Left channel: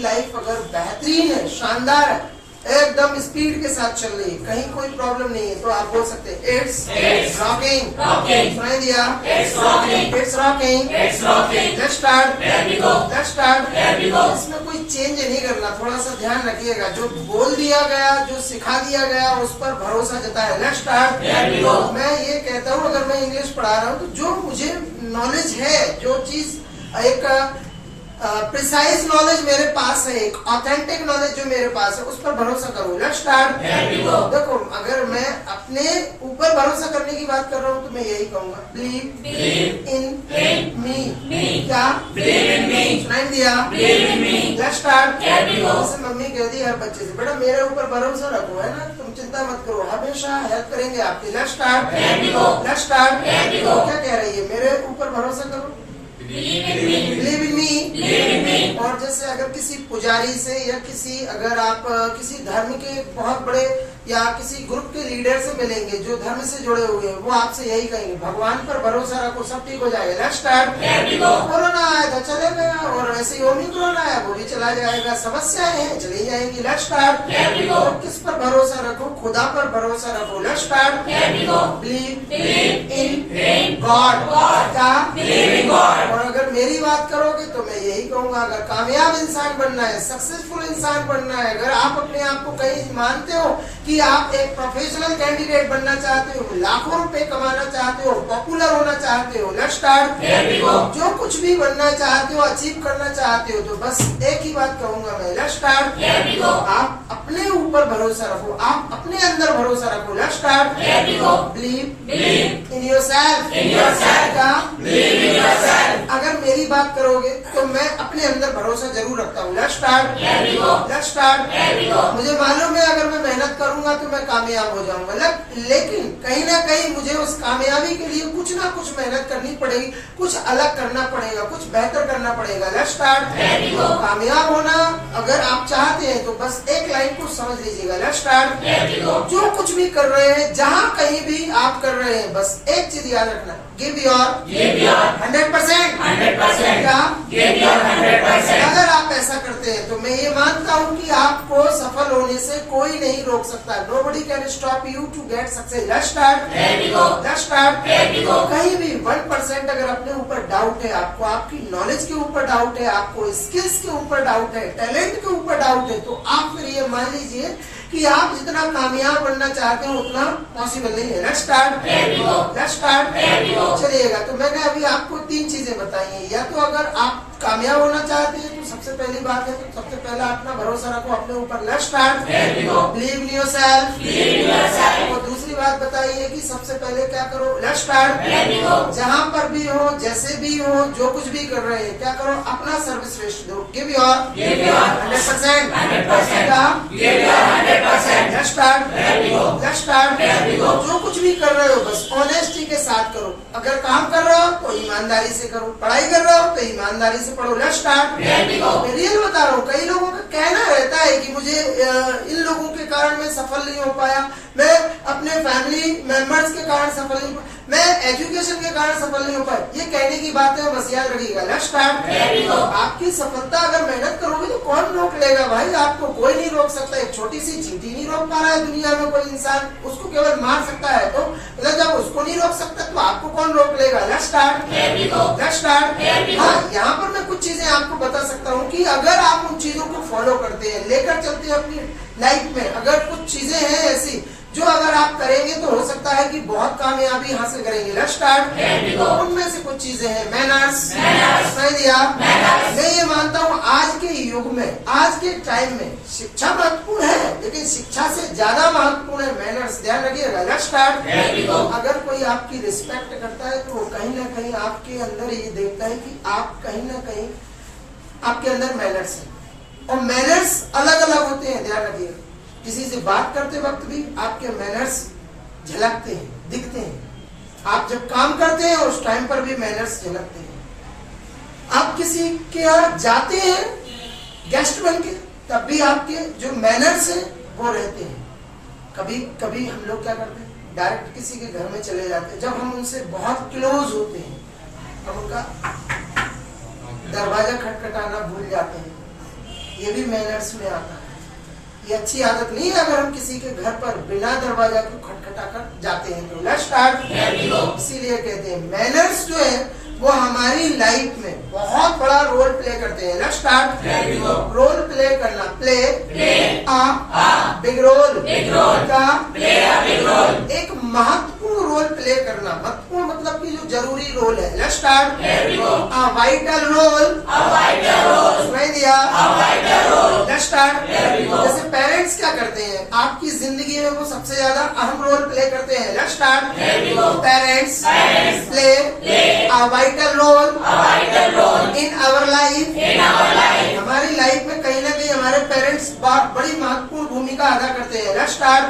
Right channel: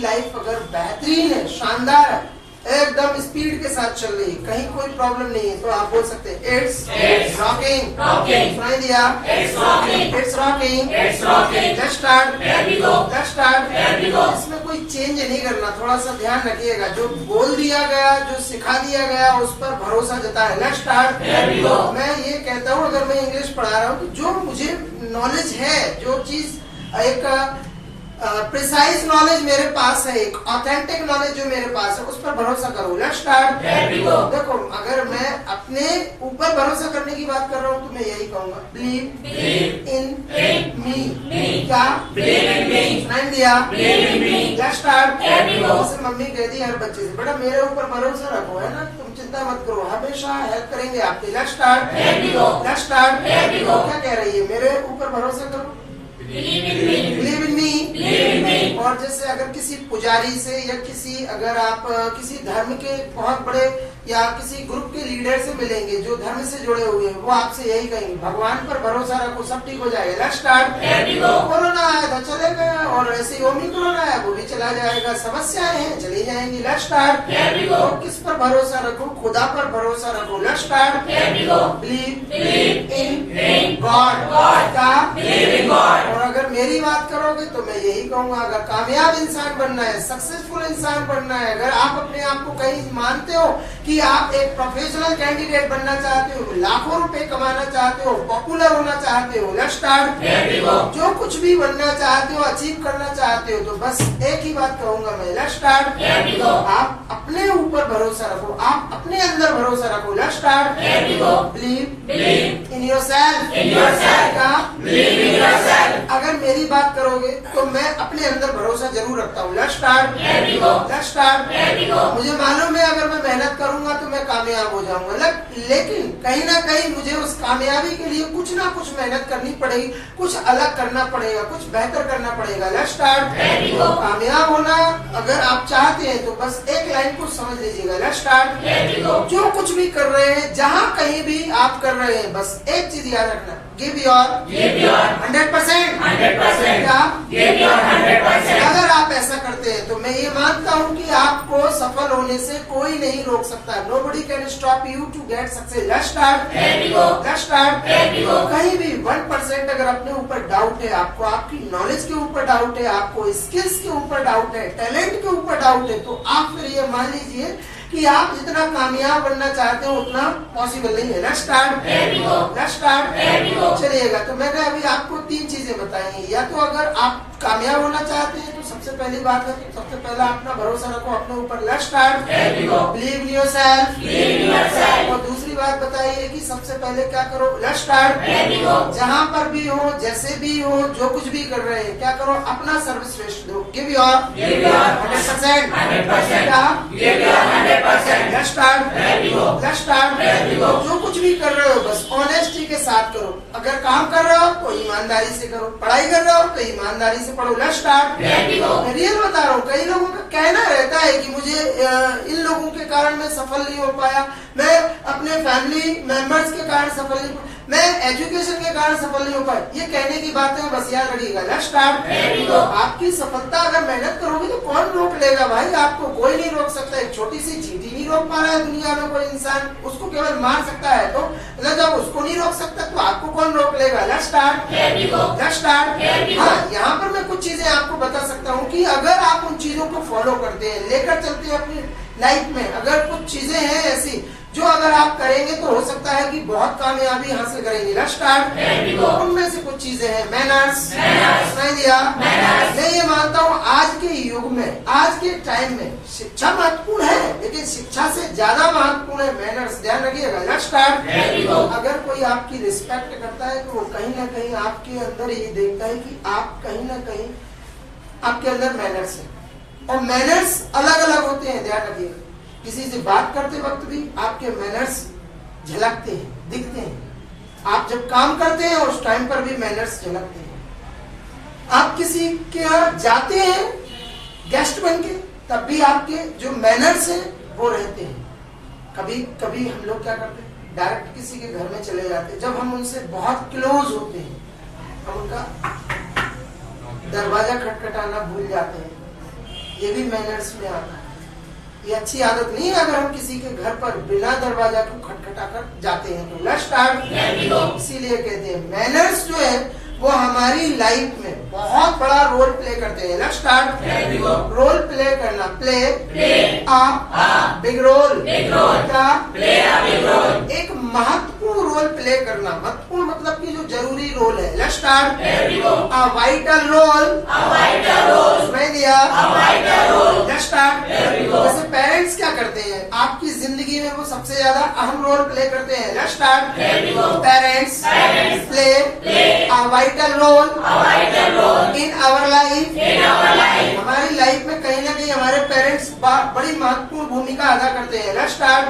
आपकी लाइफ अगर बेहतरीन है, शानदार है, एकदम स्पीड के साथ चल रही है, कहीं कोई प्रॉब्लम नहीं है, तो आप बोल सकते हैं इट्स रॉकिंग। सुनाई दिया? It's rocking. Let's start. इसमें कोई चेंज नहीं करना, थोड़ा सा ध्यान रखिएगा। जो बोल दिया गया, जो सिखा दिया गया, उस पर भरोसा जताए। Let's start. मैं ये कहता हूँ, अगर मैं इंग्लिश पढ़ा रहा हूँ तो जो मुझे नॉलेज है, जो चीज एक प्रिसाइज नॉलेज मेरे पास है, एक ऑथेंटिक नॉलेज जो मेरे पास है, उस पर भरोसा करो। Let's start. देखो, अगर मैं अपने ऊपर भरोसा करने की बात कर रहा हूँ तो मैं यही कहूंगा, बिलीव इन मी। क्या? सुनाई दिया? Let's start. जैसे मम्मी कहती है हर बच्चे से, बेटा मेरे ऊपर भरोसा रखो, है ना, तुम चिंता मत करो, हमेशा हेल्प करेंगे आपकी। Let's start. क्या कह रही है? मेरे ऊपर भरोसा करो, बिलीव इन मी। और जैसे अगर किसी पुजारी से या अगर आप किसी धर्म के बहुत बड़े या किसी ग्रुप के लीडर से मिलेंगे जो धर्म से जुड़े हुए हैं, वो आपसे यही कहेंगे, भगवान पर भरोसा रखो, सब ठीक हो जाएगा। Let's start. कोरोना आया था, चले गया, और ऐसे ही ओमिक्रॉन आया, वो भी चला जाएगा, समस्याएं हैं, चली जाएंगी। Let's start. तो किस पर भरोसा रखो? खुदा पर भरोसा रखो। Let's start. Believe in God. क्या? और अगर मेरी बात करोगे तो मैं यही कहूंगा, अगर कामयाब इंसान बनना है, सक्सेसफुल इंसान बनना है, अगर आप अपने आप को कहीं मानते हो कि आप एक प्रोफेशनल कैंडिडेट बनना चाहते हो, लाखों रुपए कमाना चाहते हो, पॉपुलर होना चाहते हो, लेट्स स्टार्ट। जो कुछ भी बनना चाहते हो, अचीव करना चाहते हो, तो बस एक ही बात कहूंगा मैं, लेट्स स्टार्ट। आप अपने ऊपर भरोसा रखो, आप अपने अंदर भरोसा रखो। Let's start. Believe in yourself. अगर मेरी बात करोगे तो मैं अपने अंदर भरोसा जरूर रखता हूँ। Let's start. मुझे मालूम है अगर मैं मेहनत करूंगा तो मैं कामयाब हो जाऊंगा, लेकिन कहीं ना कहीं मुझे उस कामयाबी के लिए कुछ ना कुछ मेहनत करनी पड़ेगी, कुछ अलग करना पड़ेगा, कुछ बेहतर करना पड़ेगा। Let's start. कामयाब होना अगर आप चाहते हैं तो बस एक लाइन को समझ लीजिएगा। Let's start. जो कुछ भी कर रहे हैं, जहाँ कहीं भी आप कर रहे हैं, बस एक चीज याद रखना, गिव योर 100%। अगर आप ऐसा करते हैं तो मैं ये मानता हूँ कि आपको सफल होने से कोई नहीं रोक सकता। Nobody can stop you to get success. Let's start. कहीं भी 1% अगर अपने ऊपर डाउट है, आपको आपकी नॉलेज के ऊपर डाउट है, आपको स्किल्स के ऊपर डाउट है, टैलेंट के ऊपर डाउट है, तो आप फिर ये मान लीजिए कि आप जितना कामयाब बनना चाहते हो उतना पॉसिबल नहीं है। Let's start. चलिएगा, तो मैंने अभी आपको 3 चीजें बताई हैं। या तो अगर आप कामयाब होना चाहते हैं तो सबसे पहली बात है, तो सबसे पहला अपना भरोसा रखो अपने ऊपर। Let's start. Believe in yourself. और दूसरी बात बताइए कि सबसे पहले क्या करो? Let's start. जहाँ पर भी हो, जैसे भी हो, जो कुछ भी कर रहे हैं, क्या करो? अपना सर्वश्रेष्ठ दो। Give your 100%। Let's start. जो कुछ भी कर रहे हो बस ऑनेस्टी के साथ करो। अगर काम कर रहे हो तो ईमानदारी से करो, पढ़ाई कर रहे हो तो ईमानदारी से पढ़ो। Let's start. मैं रियल बता रहा हूँ, कई लोगों का कहना रहता है कि मुझे इन लोगों के कारण मैं सफल नहीं हो पाया, मैं अपने फैमिली मेंबर्स के कारण सफल नहीं, मैं एजुकेशन के कारण सफल नहीं हो पाया। ये कहने की बात है, बस याद रखिएगा। Let's start. आपकी सफलता अगर मेहनत करोगे तो कौन रोक लेगा भाई? आपको कोई नहीं रोक सकता। एक छोटी सी चींटी नहीं रोक पा रहा है दुनिया में कोई इंसान, उसको केवल मार सकता है। तो जब उसको नहीं रोक सकता तो आपको कौन रोक लेगा? Let's start. हाँ, यहाँ पर मैं कुछ चीजें आपको बता सकता हूँ कि अगर आप उन चीजों को फॉलो करते हैं, लेकर चलते हैं अपनी लाइफ में, अगर कुछ चीजें हैं ऐसी जो अगर आप करेंगे तो हो सकता है कि बहुत कामयाबी हासिल करेंगे। Let's start. उनमें से कुछ चीजें हैं, मैनर्स। सही दिया। मैं ये मानता हूँ आज के युग में, आज के टाइम में शिक्षा महत्वपूर्ण है, लेकिन शिक्षा से ज्यादा महत्वपूर्ण है मैनर्स। ध्यान रखिएगा। Let's start. अगर कोई आपकी रिस्पेक्ट करता है तो वो कहीं ना कहीं आपके अंदर ये देखता है कि आप कहीं ना कहीं आपके अंदर मैनर्स है, और मैनर्स अलग अलग होते हैं। ध्यान रखिएगा, किसी से बात करते वक्त भी आपके मैनर्स झलकते हैं, दिखते हैं। आप जब काम करते हैं उस टाइम पर भी मैनर्स झलकते हैं। आप किसी के यहाँ जाते हैं गेस्ट बन के, तब भी आपके जो मैनर्स हैं वो रहते हैं। कभी कभी हम लोग क्या करते हैं, डायरेक्ट किसी के घर में चले जाते हैं। जब हम उनसे बहुत क्लोज होते हैं, हम उनका दरवाजा खटखटाना भूल जाते हैं, ये भी मैनर्स में आता है। ये अच्छी आदत नहीं है अगर हम किसी के घर पर बिना दरवाजा को खटखटा कर जाते हैं तो। Let's start. इसीलिए कहते हैं मैनर्स जो है वो हमारी लाइफ में बहुत बड़ा रोल प्ले करते हैं। Let's start. रोल प्ले करना, प्ले आ बिग रोल, का एक महत्वपूर्ण रोल प्ले करना। महत्वपूर्ण मतलब कि जो जरूरी रोल है। Let's start. A vital role, सुनाई दिया? Let's start. जैसे पेरेंट्स क्या करते हैं आपकी जिंदगी में, वो सबसे ज्यादा अहम रोल प्ले करते हैं। Let's start. Parents play a vital role in our life. हमारी लाइफ में कहीं ना कहीं हमारे पेरेंट्स बड़ी महत्वपूर्ण भूमिका अदा करते हैं। Let's start.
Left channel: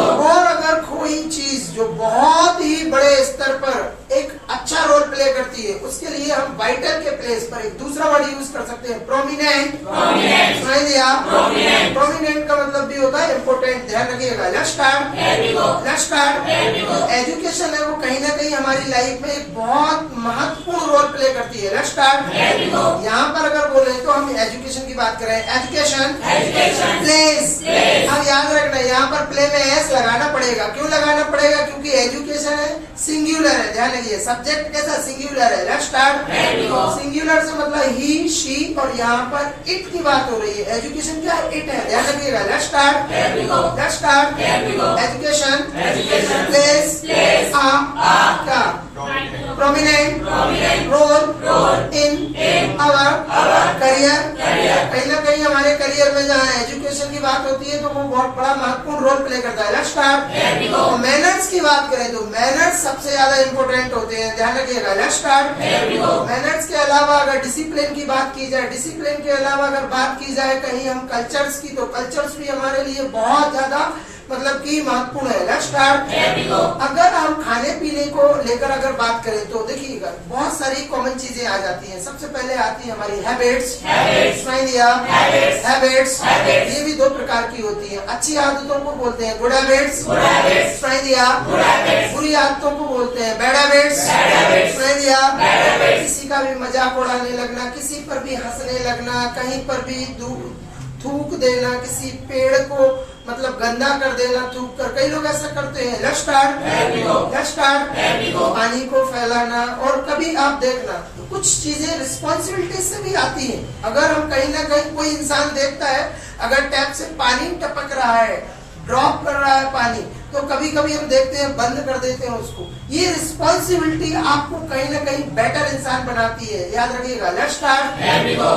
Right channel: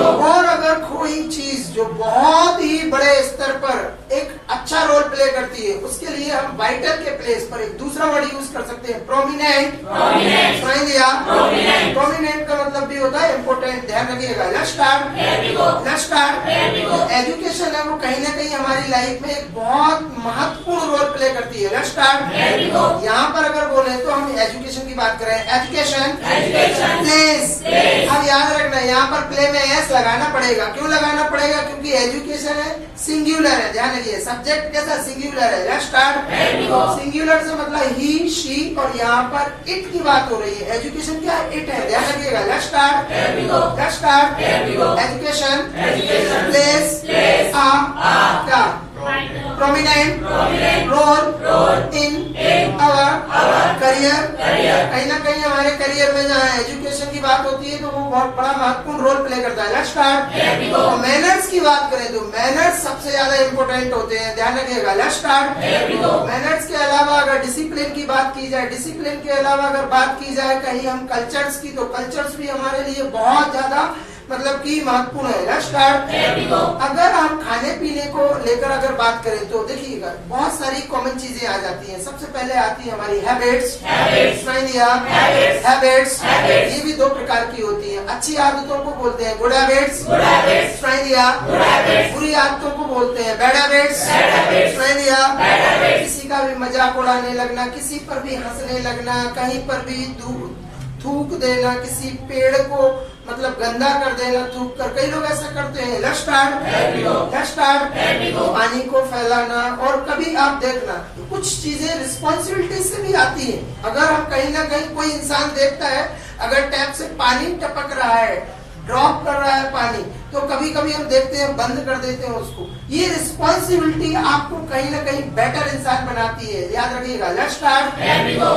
और अगर कोई चीज जो बहुत ही बड़े स्तर पर एक अच्छा रोल प्ले करती है, उसके लिए हम वाइटल के प्लेस पर एक दूसरा वर्ड यूज कर सकते हैं, प्रोमिनेंट। सुनाई दिया? प्रोमिनेंट का मतलब भी होता है इम्पोर्टेंट, ध्यान रखिएगा। Let's start. Let's start. Education है वो कहीं ना कहीं हमारी लाइफ में एक बहुत महत्वपूर्ण रोल प्ले करती है। Let's start. यहाँ पर अगर बोले तो हम एजुकेशन की बात करें, एजुकेशन प्लेस। अब याद रखना यहाँ पर प्ले में एस लगाना पड़ेगा। क्यों लगाना पड़ेगा? क्योंकि एजुकेशन है सिंगुलर है, ध्यान रखिए। सब्जेक्ट कैसा? सिंगुलर है। Let's start. सिंगुलर से मतलब ही, शी, और यहाँ पर इट की बात हो रही है। एजुकेशन क्या है? इट है, ध्यान रखिएगा। Let's start. Let's start. Education place क्या? Prominent role in our career. कहीं ना कहीं हमारे करियर में जहाँ एजुकेशन की बात होती है तो वो बहुत बड़ा महत्वपूर्ण रोल प्ले करता है। Let's start. तो मैनर्स की बात करें तो मैनर्स सबसे ज्यादा इम्पोर्टेंट होते हैं, ध्यान रखिएगा। Let's start. मैनर्स के अलावा अगर डिसिप्लिन की बात की जाए, डिसिप्लिन के अलावा अगर बात की जाए कहीं हम कल्चर्स की, तो कल्चर्स भी हमारे लिए बहुत ज्यादा मतलब कि महत्वपूर्ण है। Let's start. अगर हम खाने पीने को लेकर अगर बात करें तो देखिएगा बहुत सारी कॉमन चीजें आ जाती हैं। सबसे पहले आती है हमारी हैबिट्स। सुनाई दिया? हैबिट्स ये भी दो प्रकार की होती है। अच्छी आदतों को बोलते हैं गुड हैबिट्स। सुनाई दिया? बुरी आदतों को बोलते हैं बैड हैबिट्स। सुनाई दिया? किसी का भी मजाक उड़ाने लगना, किसी पर भी हंसने लगना, कहीं पर भी थूक देना, किसी पेड़ को मतलब गंदा कर देना थूक कर, कई लोग ऐसा करते हैं। Let's start. Let's start. पानी को फैलाना, और कभी आप देखना कुछ चीजें रिस्पॉन्सिबिलिटी से भी आती हैं। अगर हम कहीं ना कहीं कोई इंसान देखता है अगर टैप से पानी टपक रहा है, ड्रॉप कर रहा है पानी, तो कभी कभी हम देखते हैं बंद कर देते हैं उसको। ये रिस्पॉन्सिबिलिटी आपको कहीं ना कहीं बेटर इंसान बनाती है, याद रखिएगा। Let's start. तो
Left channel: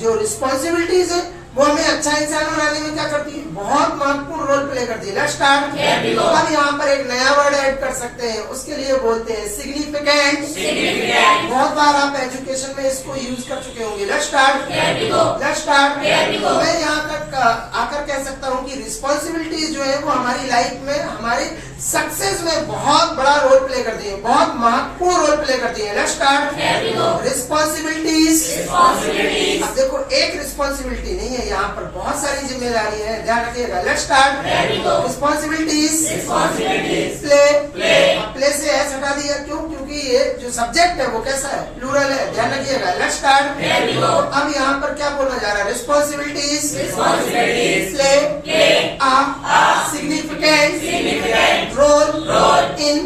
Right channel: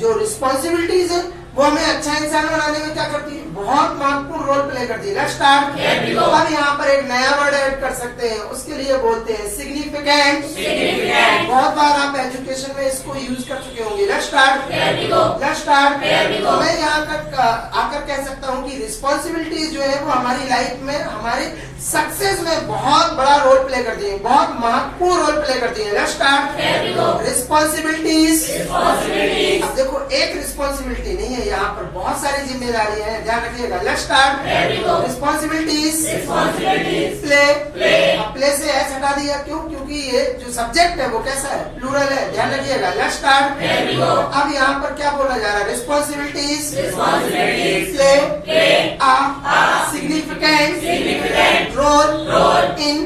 जो रिस्पॉन्सिबिलिटीज है वो हमें अच्छा इंसान बनाने में क्या करती है? बहुत महत्वपूर्ण रोल प्ले करती है। Let's start. तो हम यहाँ पर एक नया वर्ड ऐड कर सकते हैं, उसके लिए बोलते हैं सिग्निफिकेंट। बहुत बार आप एजुकेशन में इसको यूज कर चुके होंगे। Let's start. Let's start. तो मैं यहाँ तक आकर कह सकता हूँ कि रिस्पॉन्सिबिलिटीज जो है वो हमारी लाइफ में, हमारी सक्सेस में बहुत बड़ा रोल प्ले करती है, बहुत महत्वपूर्ण रोल प्ले करती है। Let's start. रिस्पॉन्सिबिलिटीज। अब देखो एक रिस्पॉन्सिबिलिटी नहीं है, यहाँ पर बहुत सारी जिम्मेदारी है, ध्यान रखिएगा। Let's start. रिस्पॉन्सिबिलिटीज प्ले से एस हटा दिया। क्यों? क्योंकि ये जो सब्जेक्ट है वो कैसा है? प्लूरल है, ध्यान रखिएगा। Let's start. अब यहाँ पर क्या बोला जा रहा है? Responsibilities play significant role in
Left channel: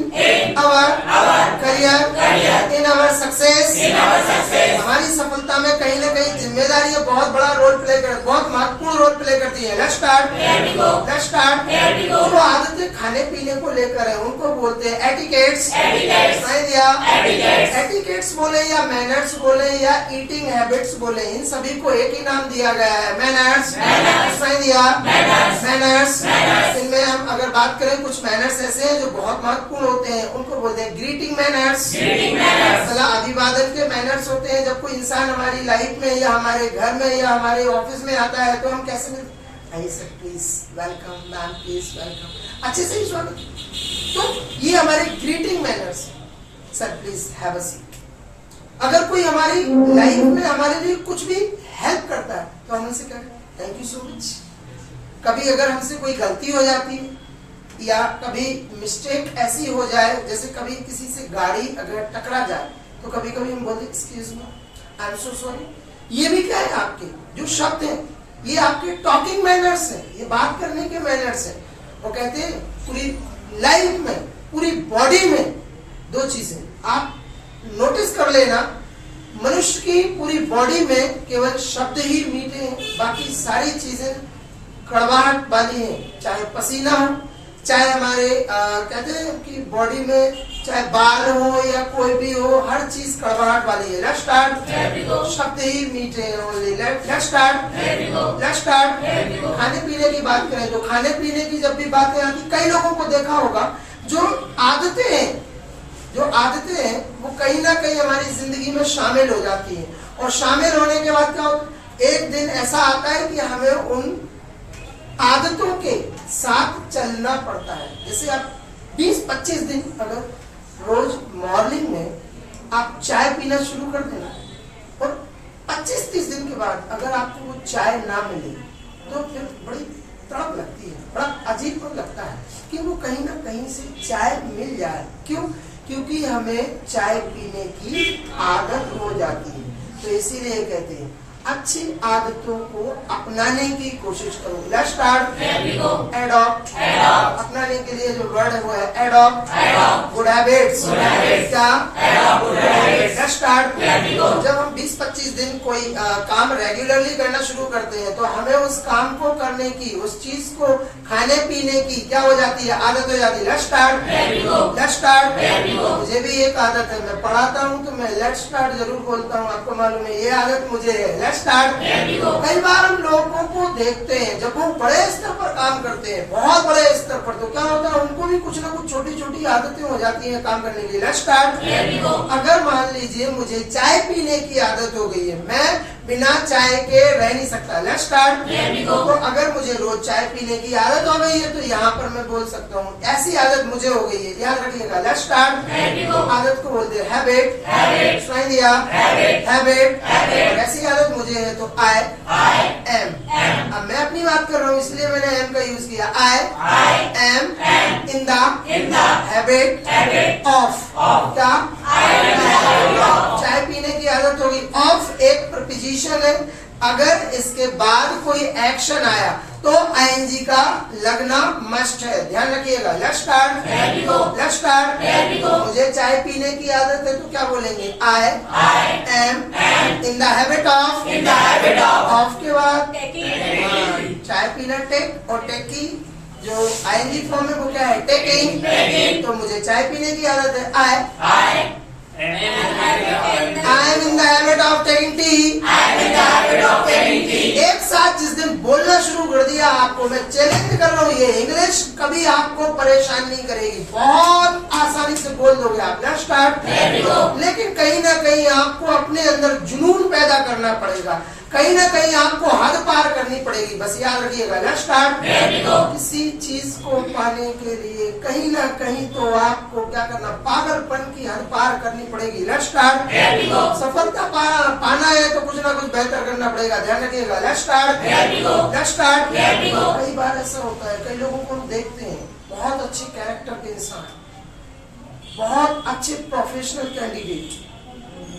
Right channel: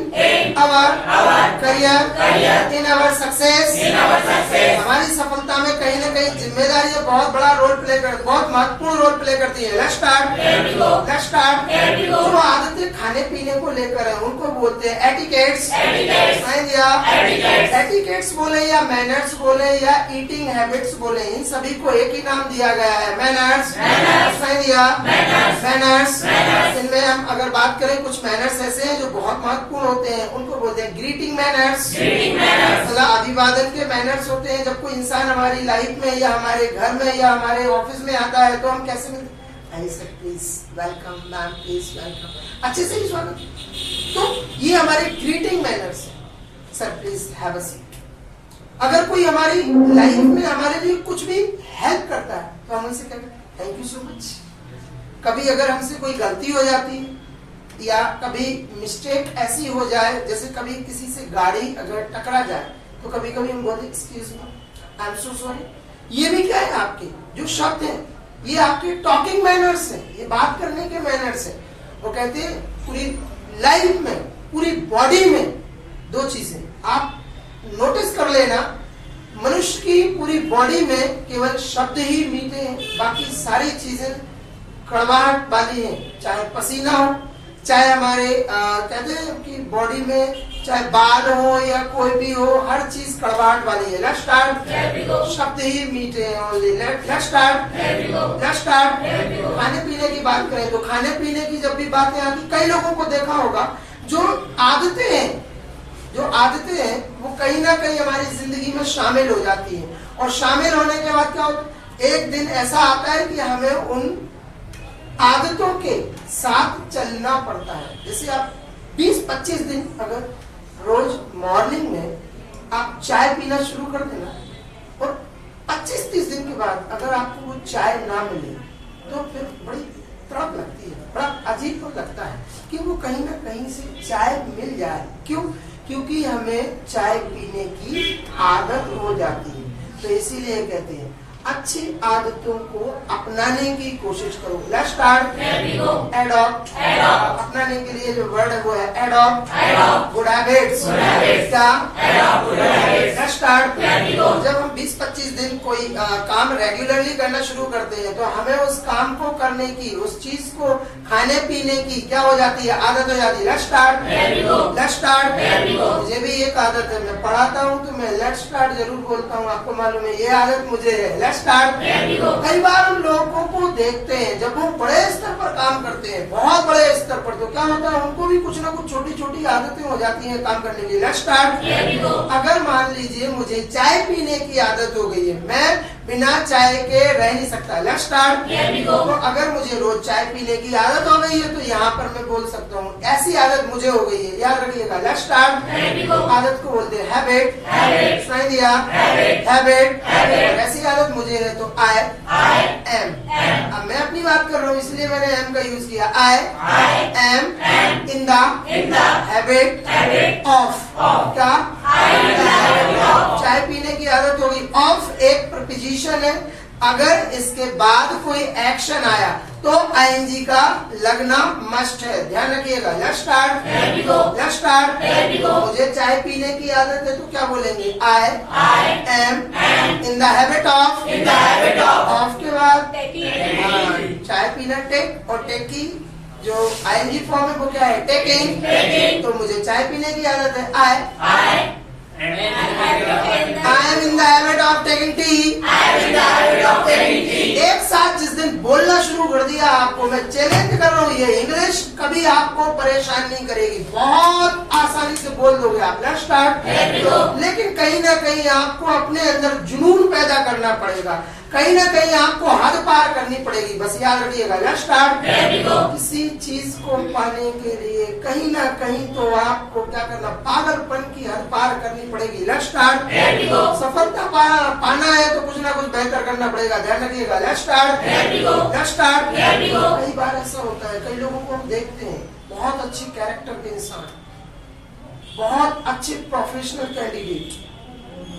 our career, in our success. हमारी सफलता में कहीं ना कहीं जिम्मेदारी बहुत बड़ा रोल प्ले कर, बहुत महत्वपूर्ण रोल प्ले करती है। Let's start. Let's start. जो आदतें खाने पीने को लेकर है उनको बोलते हैं एटिकेट्स। एटिकेट्स बोले या मैनर्स बोले या ईटिंग हैबिट्स बोले, इन सभी को एक ही नाम दिया गया है, मैनर्स। मैनर्स। इनमें हम अगर बात करें कुछ मैनर्स ऐसे हैं जो बहुत महत्वपूर्ण होते हैं, उनको बोलते हैं ग्रीटिंग मैनर्स। अभिवादन के मैनर्स होते हैं। जब कोई इंसान हमारी लाइफ में या हमारे घर में या हमारे ऑफिस में आता है तो हम कैसे मिलते? Sir please welcome, ma'am please welcome, अच्छे से ही स्वागत। तो ये हमारे greeting manners. Sir please have a seat. अगर कोई हमारी लाइफ में हमारे लिए कुछ भी हेल्प करता है तो हम उनसे कहते हैं थैंक यू सो मच। कभी अगर हमसे कोई गलती हो जाती है या कभी मिस्टेक ऐसी हो जाए, जैसे कभी किसी से गाड़ी अगर टकरा जाए तो कभी कभी हम बोलते excuse me, I am so sorry. ये भी क्या है? आपके जो शब्द हैं ये आपके टॉकिंग मैनर्स है, ये बात करने के मैनर्स है। वो कहते हैं पूरी लाइफ में, पूरी बॉडी में दो चीजें आप नोटिस कर लेना, मनुष्य की पूरी बॉडी में केवल शब्द ही मीठे हैं, बाकी सारी चीजें कड़वाहट वाली हैं। चाहे पसीना हो, चाहे हमारे कहते हैं कि बॉडी में चाहे बाल हो या कोई भी हो, हर चीज कड़वाहट वाली है। Let's start. शब्द ही मीठे हैं ओनली। Let's start. खाने पीने की बात करें तो खाने पीने की जब भी बातें आती, कई लोगों को देखा होगा जो आदतें हैं वो कहीं ना कहीं हमारी जिंदगी में शामिल हो जाती हैं, और शामिल होने के बाद क्या होता है, एक दिन ऐसा आता है कि हमें उन आदतों के साथ चलना पड़ता है। जैसे आप 20-25 दिन अगर रोज मॉर्निंग में आप चाय पीना शुरू कर देना, और 25-30 दिन के बाद अगर आपको वो चाय ना मिले तो फिर बड़ी तड़प लगती है, बड़ा अजीब लगता है कि वो कहीं ना कहीं से चाय मिल जाए। क्यों? क्योंकि हमें चाय पीने की आदत हो जाती है। तो इसीलिए कहते हैं अच्छी आदतों को अपनाने की कोशिश करो। Let's start. एडॉप्ट। अपनाने के लिए जो वर्ड है वो है adopt. Good habits. Let's start. जब हम 20-25 दिन कोई काम रेगुलरली करना शुरू करते हैं तो हमें उस काम को करने की, उस चीज को खाने पीने की क्या हो जाती है, आदत हो जाती है। Let's start. मुझे भी एक आदत है, मैं पढ़ाता हूँ तो मैं लेट्स स्टार्ट जरूर बोलता हूँ, आपको मालूम है ये आदत मुझे है। Let's start. कई बार हम लोगों को देखते हैं जब वो बड़े स्तर पर काम करते हैं, बहुत बड़े स्तर पर, तो क्या होता है उनको भी कुछ ना कुछ छोटी छोटी आदतें हो जाती हैं काम करने के लिए। Let's start. अगर मान लीजिए मुझे चाय पीने की आदत हो गई है, मैं बिना चाय के रह नहीं सकता। Let's start. तो अगर मुझे रोज चाय पीने की आदत हो गई है तो यहाँ पर मैं बोल सकता हूँ ऐसी आदत मुझे हो गई है, याद रखिएगा। Let's start. आदत को बोलते हैं हैबिट। सुनाई दिया? हैबिट। और ऐसी आदत मुझे है तो आई एम। अब मैं अपनी बात कर रहा हूँ इसलिए मैंने एम का यूज किया। I am in the habit of. क्या? चाय पीने की आदत होगी। ऑफ एक प्रपोजिशन है, अगर इसके बाद कोई एक्शन आया तो आईएनजी का लगना मस्ट है, ध्यान रखिएगा। Let's start. मुझे चाय पीने की आदत है तो क्या बोलेंगे? I am in the habit of. Of के बाद चाय पीना टेक, और टेक की जो आईएनजी फॉर्म है वो क्या है? टेकिंग। तो मुझे चाय पीने की आदत है। I am in the habit of taking tea. एक साथ जिस दिन बोलना शुरू कर दिया, आपको मैं चैलेंज कर रहा हूँ, ये इंग्लिश कभी आपको परेशान नहीं करेगी, बहुत आसानी से बोल दोगे आप। Let's start. लेकिन कहीं ना कहीं आपको अपने अंदर जुनून पैदा करना पड़ेगा, कहीं ना कहीं आपको हद पार करनी पड़ेगी, बस याद रखिएगा। Let's start. किसी चीज को पाने के लिए कहीं ना कहीं तो आपको क्या करना, पागलपन की हद पार करनी पड़ेगी। Let's start. सफलता पाना है तो कुछ ना कुछ बेहतर करना पड़ेगा, ध्यान रखिएगा। Let's start. कई बार ऐसा होता है, कई लोगों को हम देखते हैं बहुत अच्छे कैरेक्टर के इंसान, बहुत अच्छे प्रोफेशनल कैंडिडेट,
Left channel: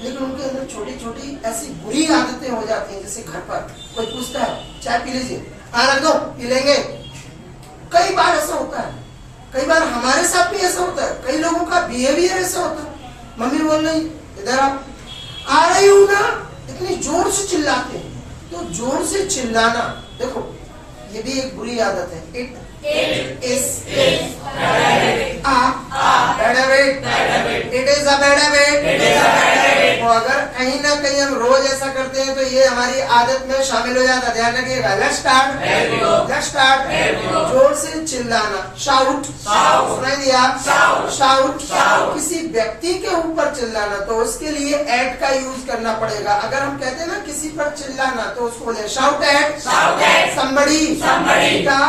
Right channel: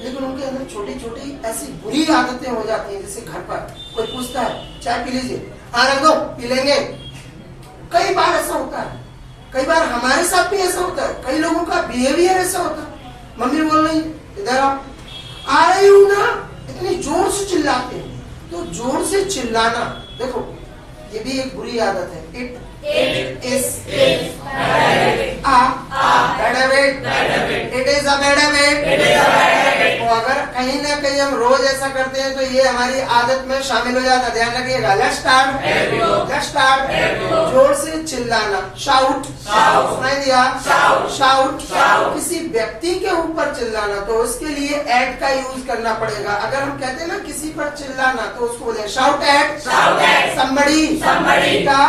लेकिन उनके अंदर छोटी छोटी ऐसी बुरी आदतें हो जाती हैं। जैसे घर पर कोई पूछता है चाय पी लीजिए, हाँ रख दो, पी लेंगे। कई बार ऐसा होता है, कई बार हमारे साथ भी ऐसा होता है, कई लोगों का बिहेवियर ऐसा होता है। मम्मी बोल रही इधर आ रही हूँ ना, इतनी जोर से चिल्लाते हैं। तो जोर से चिल्लाना, देखो ये भी एक बुरी आदत है। It is a bad habit. It is a bad habit. तो अगर कहीं ना कहीं हम रोज ऐसा करते हैं तो ये हमारी आदत में शामिल हो जाता है, ध्यान रखिएगा। Let's start. जोर से चिल्लाना, शाउट, सुनाई दिया? शाउट। किसी व्यक्ति के ऊपर चिल्लाना तो उसके लिए एट का यूज करना पड़ेगा। अगर हम कहते हैं ना किसी पर चिल्लाना तो उसको बोले शाउट एट। somebody क्या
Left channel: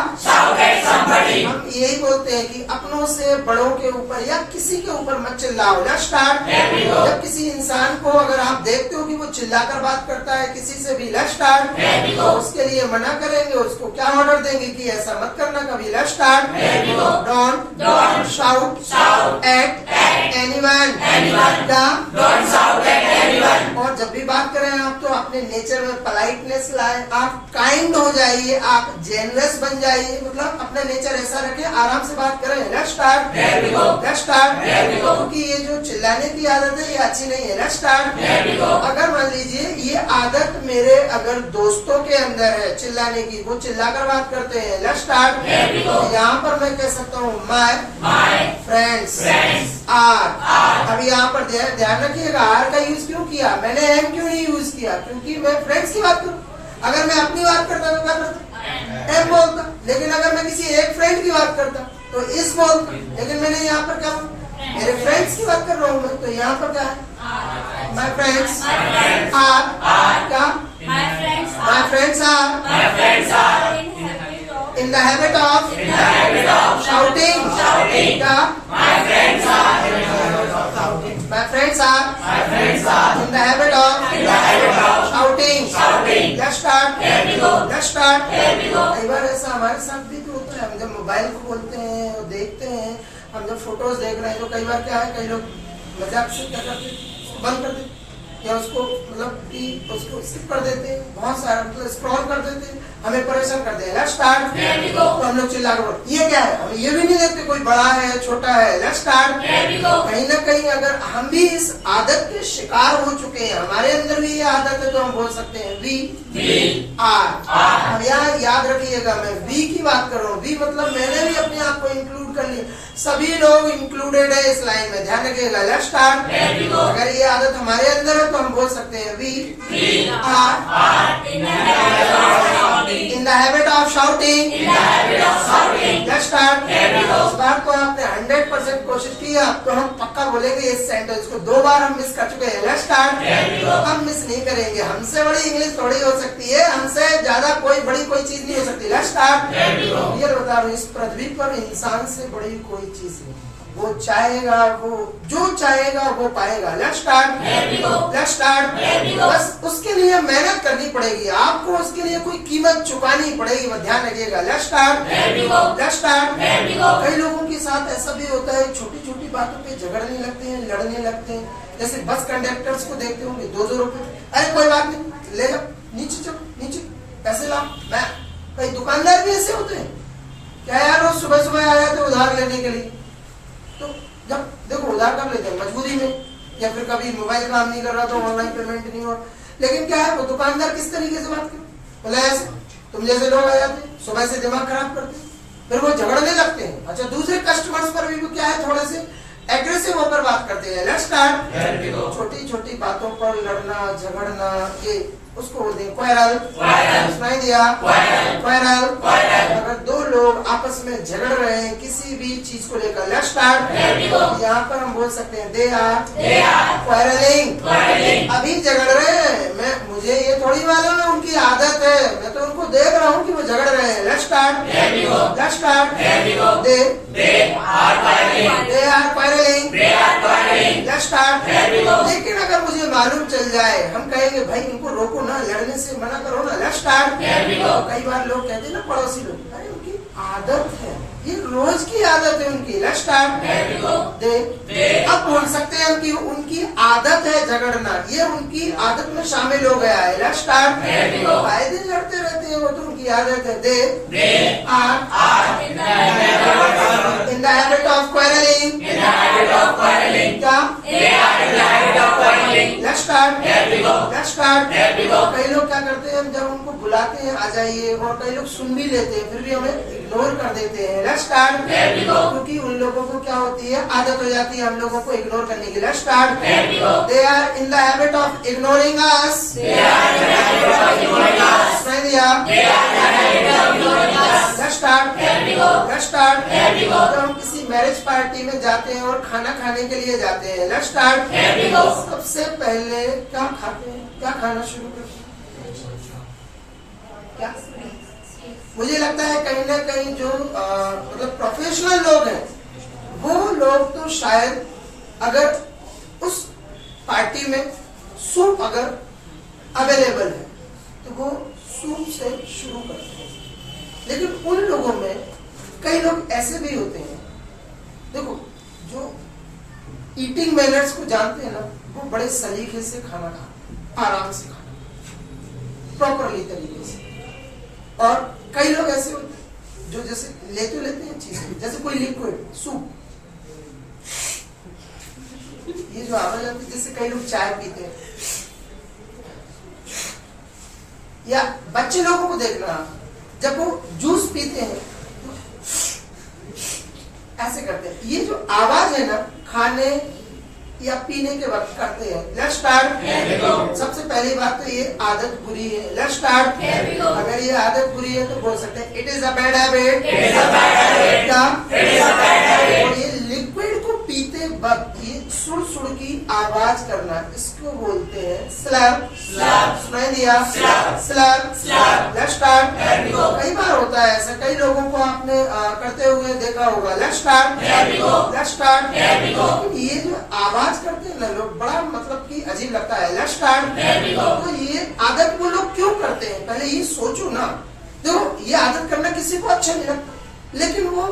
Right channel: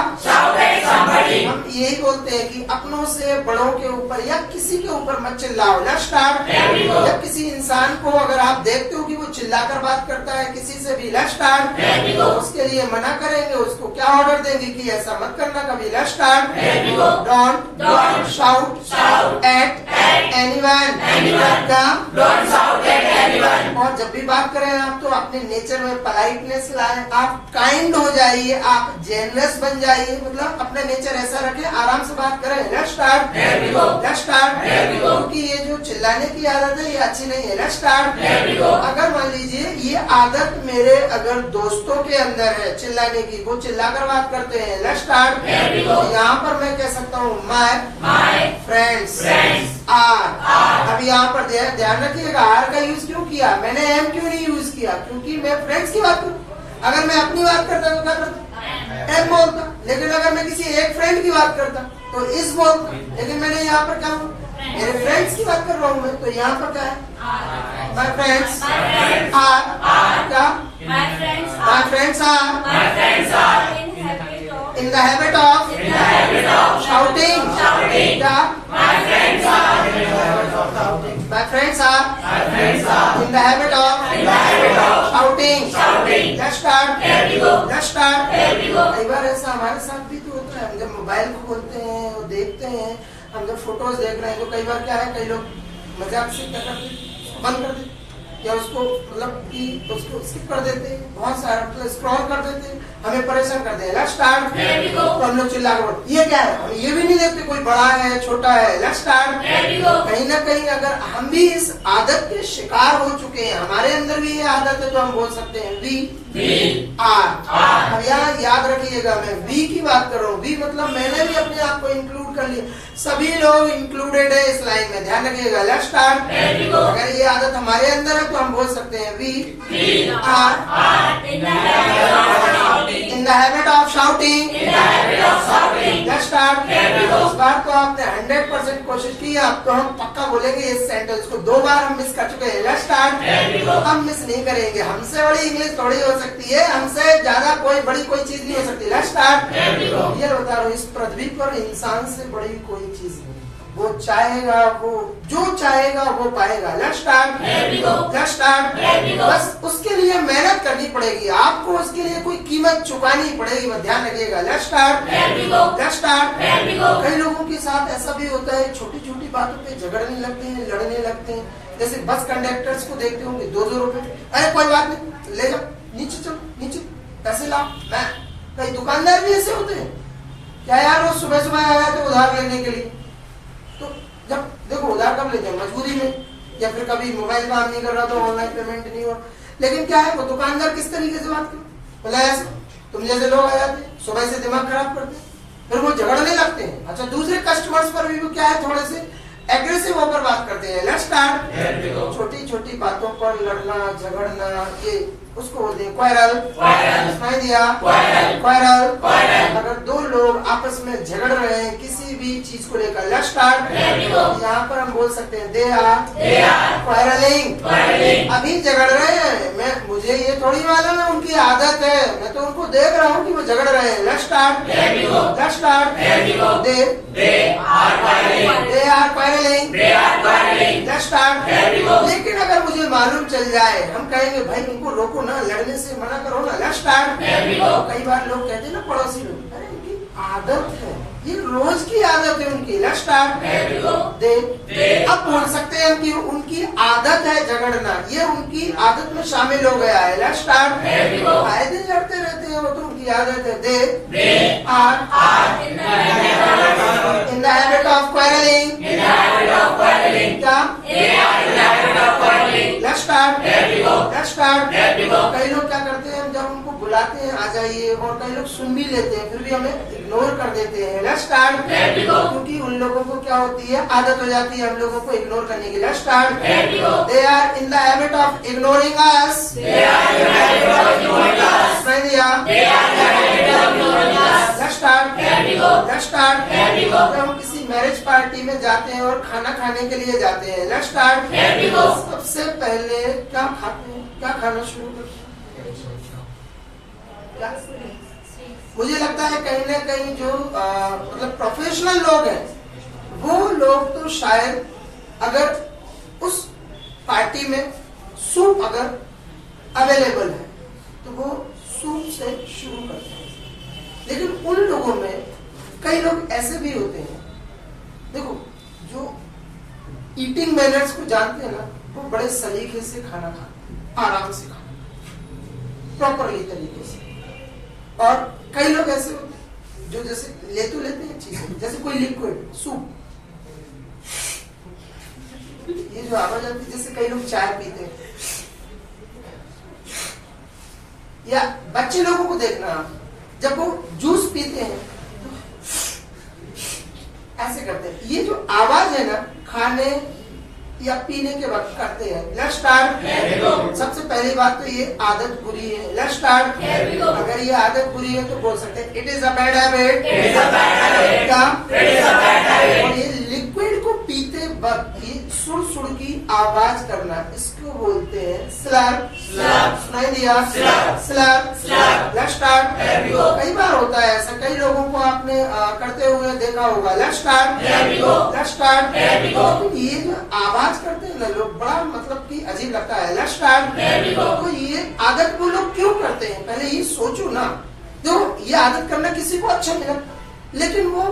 हम यही बोलते हैं कि अपनों से बड़ों के ऊपर या किसी के ऊपर मत चिल्लाओ। Let's start. जब किसी इंसान को अगर आप देखते हो कि वो चिल्लाकर बात करता है किसी से भी, लेट्स स्टार्ट, तो उसके लिए मना करेंगे, उसको क्या ऑर्डर देंगे कि ऐसा मत करना कभी। Let's start. Don't shout at anyone और जब भी बात करें आप तो अपने नेचर में पोलाइटनेस लाए, आप काइंड हो जाइए, आप जेनरस बन जाइए, मतलब अपना नेचर ऐसा रखें, आराम से बात करें। Let's start. Let's start. क्योंकि ये जो चिल्लाने की आदत है ये अच्छी नहीं है। Let's start. अगर मान लीजिए ये आदत मेरे अगर दोस्तों के अंदर है चिल्लाने की, वो चिल्लाकर बात करते हैं, लेट्स स्टार्ट, यहाँ पर मैं कह सकता हूँ माय फ्रेंड्स आर। अभी यहाँ पर ध्यान रखिएगा, आर का यूज क्यों किया मैंने, एम क्यों नहीं यूज किया, क्योंकि मैं फ्रेंड्स की बात करूँ। अगर मैं अपनी बात करता तो क्या करता, एम बोलता, लेकिन अगर मैं किसी एक फ्रेंड की बात करता तो इस बोलता, लेकिन मैंने यहाँ पर क्या मेरे फ्रेंड्स की बात कर रहा हूँ मैं, तो यहाँ पर क्या है, माय फ्रेंड्स आर क्या, my friends are in the habit of shouting क्या, my friends are in the habit of shouting। Let's start। कई बार ऐसा हमारे साथ भी तो होता है, हम जब मोबाइल को खोलते हैं और देखते हैं, हम जब फोटोज देख रहे हैं तो कई बार क्या है, कई लोग मजाक से क्या करते हैं, बंद कर देते या उसको मतलब कि उसको स्किप कर देते हैं, बहुत सारा मतलब स्क्रॉल कर देते हैं, हमें परेशान करते हैं। Let's start. तो हम लोग चिल्ला कर ये क्या है, हम ये भी नहीं देखते कोई बड़ा है छोटा है। Let's start. कहीं ना कहीं अगर हम भी इस आदत के शिकार हो चुके हैं, हमारे अंदर भी ये आदत है, तो हम बोल सकते हैं वी आर। अब यहाँ याद रखिएगा मैं वी की बात कर रहा हूँ, वी मतलब मैंने भी अपने आप को इंक्लूड कर लिया, सभी लोग इंक्लूडेड है इस लाइन में, ध्यान रखिएगा। Let's start. अगर ये आदत हमारे अंदर है तो हम बोल सकते हैं we are in the habit of shouting. Let's start. इस बार तो आपने 100% कोशिश की, अब तो हम पक्का बोलेंगे इस सेंटेंस को, 2 बार हम मिस कर चुके हैं। Let's start. हम मिस नहीं करेंगे, हमसे बड़ी इंग्लिश थोड़ी हो सकती है, हमसे ज्यादा कोई बड़ी कोई चीज नहीं हो सकती। Let's start. ये बता रहा हूँ, इस पृथ्वी पर इंसान से बड़ी कोई चीज नहीं, वो चाहेगा, वो जो चाहेगा वो पाएगा। Let's start. Let's start. बस उसके लिए मेहनत करनी पड़ेगी, आपको उसके लिए कोई कीमत चुकानी पड़ेगी, वो ध्यान रखिएगा। Let's start. Let's start. कई लोगों के साथ ऐसा भी होता है, छोटी छोटी बातों पे झगड़ने लगते हैं, लड़ने लगते हैं। जैसे बस कंडक्टर्स को देखते होंगे, 2-2 रुपए, अरे कोई बात नहीं, ले जाओ, नीचे चलो, नीचे पैसे लाओ। मैं कई दुकानदार भी ऐसे होते हैं, क्या यार वो सुबह सुबह आया थे उधार लेने के लिए, तो जब देखो उधार कब लेते हैं, मजबूरी में, या फिर कभी मोबाइल काम नहीं कर रहा तो ऑनलाइन पेमेंट नहीं हो, लेकिन क्या है वो दुकानदार किस तरीके से बात कर, बोला ऐसे तुम जैसे लोग आ जाते सुबह से दिमाग खराब करते, फिर वो झगड़ने लगते हैं। अच्छा, दूसरे कस्टमर्स पर भी क्या है, थोड़े से एग्रेसिव होकर बात करते हैं। Let's start. छोटी छोटी बातों पर लड़ना झगड़ना, ये उसको बोलते हैं क्वारल। सुनाई दिया, क्वारल। अगर 2 लोग आपस में झगड़ रहे हैं किसी भी चीज को लेकर, लेट्स स्टार्ट। यहाँ पर हम बोल सकते हैं दे आर क्वारलिंग। अभी झगड़ रहे हैं, मुझे ये थोड़ी मालूम है उनकी आदत है, मैं तो उनको देख रहा हूँ कि वो झगड़ रहे हैं। Let's start. Let's start. They are quarrelling. Let's start. लेकिन अगर मुझे मालूम चल जाए, हम कहेंगे भाई इनको रोको ना, लड़ने से मना करो ना। Let's start. कई बार लोग कहते हैं ना, पड़ोसी लोग, अरे उनकी आदत है, ये रोज की आदत है उनकी। Let's start. अब बोल सकते हैं कि उनकी आदत है झगड़ना, ये उनकी आदत में शामिल हो गया है। Let's start. आए दिन लड़ते रहते हैं, वो तो उनकी आदत है। They are in the habit of quarreling. क्या? Let's start. Let's start. कई लोग क्या करते हैं, जब उनको बुलाते हैं आ जाइए, और कई लोग सुन भी लेते हैं, फिर भी हमें इग्नोर कर देते हैं। Let's start. क्योंकि उन लोगों को क्या होती है, आदत हो जाती है हम लोगों को इग्नोर करने की। Let's start. They are in the habit of ignoring us. Let's start. Let's start. जब हम किसी मैरिज पार्टी में जाते हैं और खाना खाने के लिए जाते हैं, लेट्स स्टार्ट। सबसे पहले क्या खाते हैं, क्या खाना शुरू करते हैं, क्या मुझे लगता है कहीं ना कहीं जो मतलब प्रोफेशनल लोग हैं वो लोग तो शायद अगर उस पार्टी में सूप अगर अवेलेबल है तो वो सूप से शुरू करते हैं। लेकिन उन लोगों में कई लोग ऐसे भी होते हैं, देखो जो ईटिंग मैनर्स को जानते हैं ना, वो बड़े सलीके से खाना खाते हैं, आराम से खाना प्रॉपरली तरीके से। और कई लोग ऐसे होते हैं जो जैसे लेते हैं चीजें, जैसे कोई लिक्विड सूप, ये जो आवाज आती है, जैसे कई लोग चाय पीते हैं, या बच्चे लोगों को देखना जब वो जूस पीते हैं तो ऐसे करते हैं। ये जो आवाज है ना खाने या पीने के वक्त करते हैं। Let's start. सबसे पहली बात तो ये आदत बुरी है। Let's start. अगर ये आदत बुरी है तो बोल सकते हैं it is a bad habit. क्या? और ये लिक्विड को पीते वक्त ये सुड़ सुड़ की आवाज करना, इसको बोलते हैं स्लर। सुनाई दिया? स्लर। Let's start. कई बार होता है ऐसा, कई लोगों को आपने करते हुए देखा होगा। Let's start. Let's start. ये जो आवाज करते हैं ना लोग, बड़ा मतलब कि अजीब लगता है। Let's start. तो ये आदत वो लोग क्यों करते हैं, पहले ये सोचो ना। तो ये आदत करना किसी को अच्छा नहीं लगता, लेकिन वो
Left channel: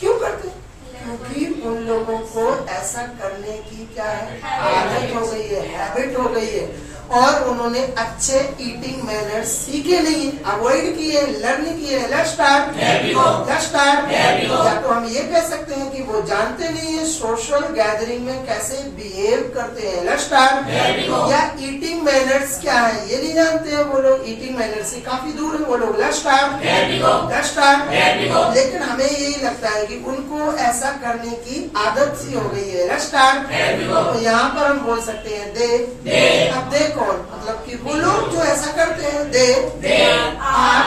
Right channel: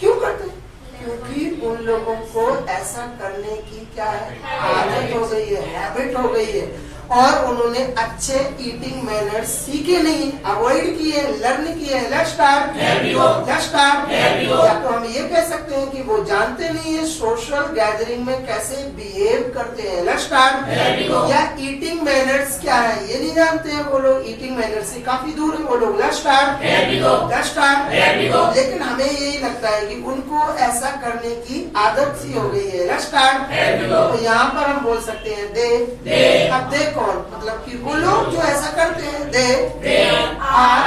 क्यों करते हैं? क्योंकि उन लोगों को ऐसा करने की क्या है, आदत हो गई है, हैबिट हो गई है। और उन्होंने अच्छे ईटिंग मैनर्स सीखे नहीं, अवॉइड किए, लर्न किए। Let's start. Let's start. या तो हम ये कह सकते हैं कि वो जानते नहीं है सोशल गैदरिंग में कैसे बिहेव करते हैं। Let's start. या ईटिंग मैनर्स क्या है ये नहीं जानते हैं वो लोग, ईटिंग मैनर्स से काफी दूर है वो लोग। Let's start. Let's start. लेकिन हमें यही लगता है कि उनको ऐसा करने की आदत सी हो गई है। Let's start. तो यहाँ पर हम बोल सकते हैं दे। अब दे कौन, मतलब कि वो लोग जो ऐसा करते हैं, they are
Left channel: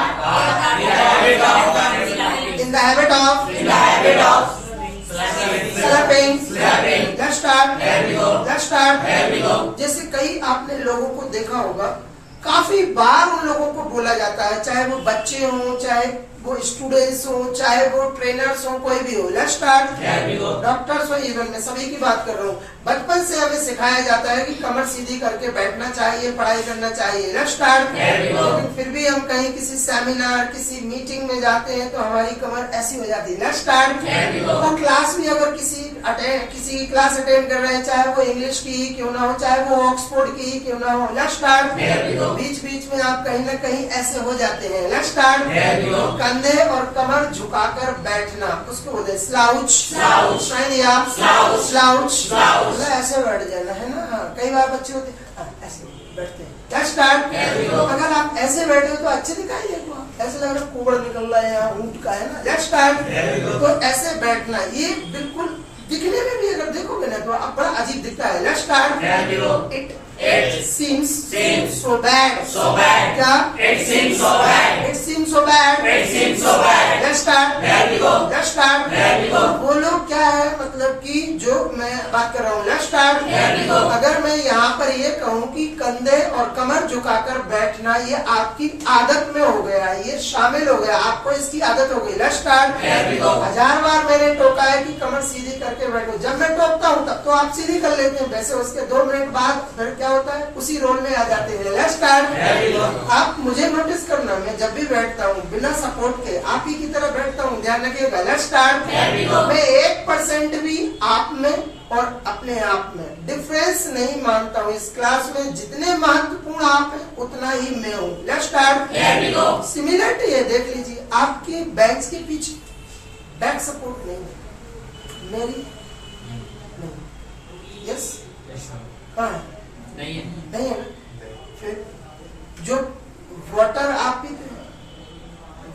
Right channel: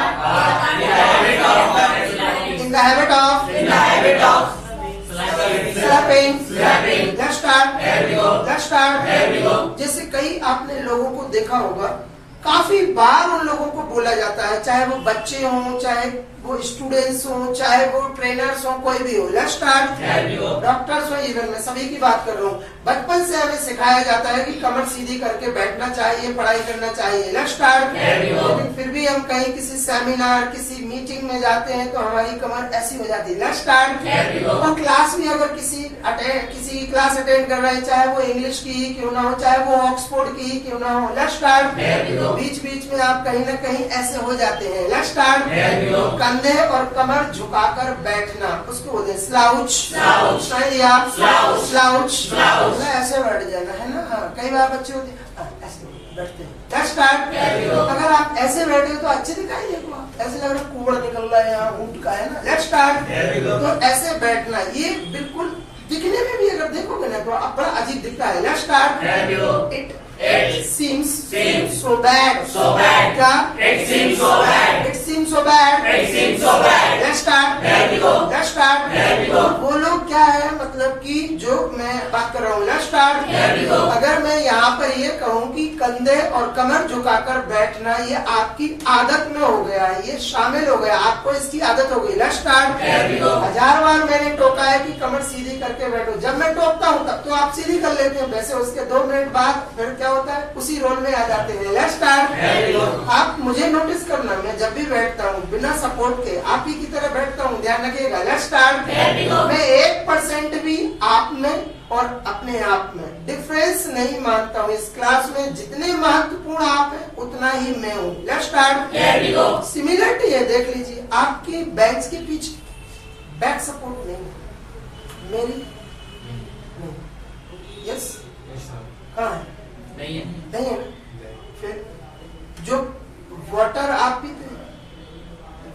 in the habit of slapping. Let's start. Let's start. जैसे कई आपने लोगों को देखा होगा, काफी बार उन लोगों को बोला जाता है, चाहे वो बच्चे हों, चाहे वो स्टूडेंट्स हो, चाहे वो ट्रेनर्स हो, कोई भी हो। Let's start. डॉक्टर्स हो, इवन मैं सभी की बात कर रहा हूँ। बचपन से हमें सिखाया जाता है कि कमर सीधी करके बैठना चाहिए, पढ़ाई करना चाहिए। Let's start. लेकिन फिर भी हम कहीं किसी सेमिनार, किसी मीटिंग में जाते हैं तो हमारी कमर ऐसी हो जाती है। Let's start. और क्लास भी अगर किसी क्लास अटेंड कर रहे हैं, चाहे वो इंग्लिश की ही क्यों ना हो, चाहे वो ऑक्सफोर्ड की ही क्यों ना हो। Let's start. बीच बीच में आप कहीं ना कहीं ऐसे हो जाते हैं। Let's start. कंधे और कमर झुकाकर बैठना, उसको बोलते हैं स्लाउच। स्लाउच ऐसे बैठ जाना है ना। हाँ, कई बार बच्चे होते हैं ऐसे बैठते हैं। Let's start. अगर आप ऐसे बैठे हो तो अच्छे दिखाई देगा, ऐसे लग रहा है कुबड़ निकल रहा है यहाँ ऊँट का, है ना। Let's start. तो ऐसे बैठना ये बिल्कुल दिखने में भी अगर देखोगे ना तो बड़ा अजीब दिखता है। Let's start. It seems so bad. क्या? It seems so bad. Let's start. Let's start. वो लोग क्या है, मतलब कि जो मैं बात कर रहा हूँ। Let's start. अगर मैं यहाँ पर ये कहूँ कि कंधे और कमर झुकाकर बैठना ये आपकी आदत में हो गया है, ये शामिल हो गया, आपको इसकी आदत हो गई। Let's start. 1000 बार मैंने टोका है कि कमर सीधी करके बैठो। जब मैं टोकता हूँ तब तो आप सीधी कर लेते हैं, वैसे उसके 2 मिनट बाद फिर क्या होता है, उसी रोल में आ जाते हैं। Let's start. आप मुझे नोटिस करना, मैं जब भी बैठता हूँ बिना सपोर्ट के आप ही की तरह बैठता हूँ, ध्यान रखिएगा। Let's start. मैं 1% भी आप में और अपने आप में डिफरेंस नहीं मानता हूँ। इस क्लास में जितने महत्वपूर्ण आप हैं उतना ही मैं हूँ। Let's start. सिमिलरिटी है, देख लीजिए, आपके बेंच के पीछे बैक सपोर्ट नहीं है, मेरी यस हाँ नहीं है। फिर जो वाटर आप पीते हैं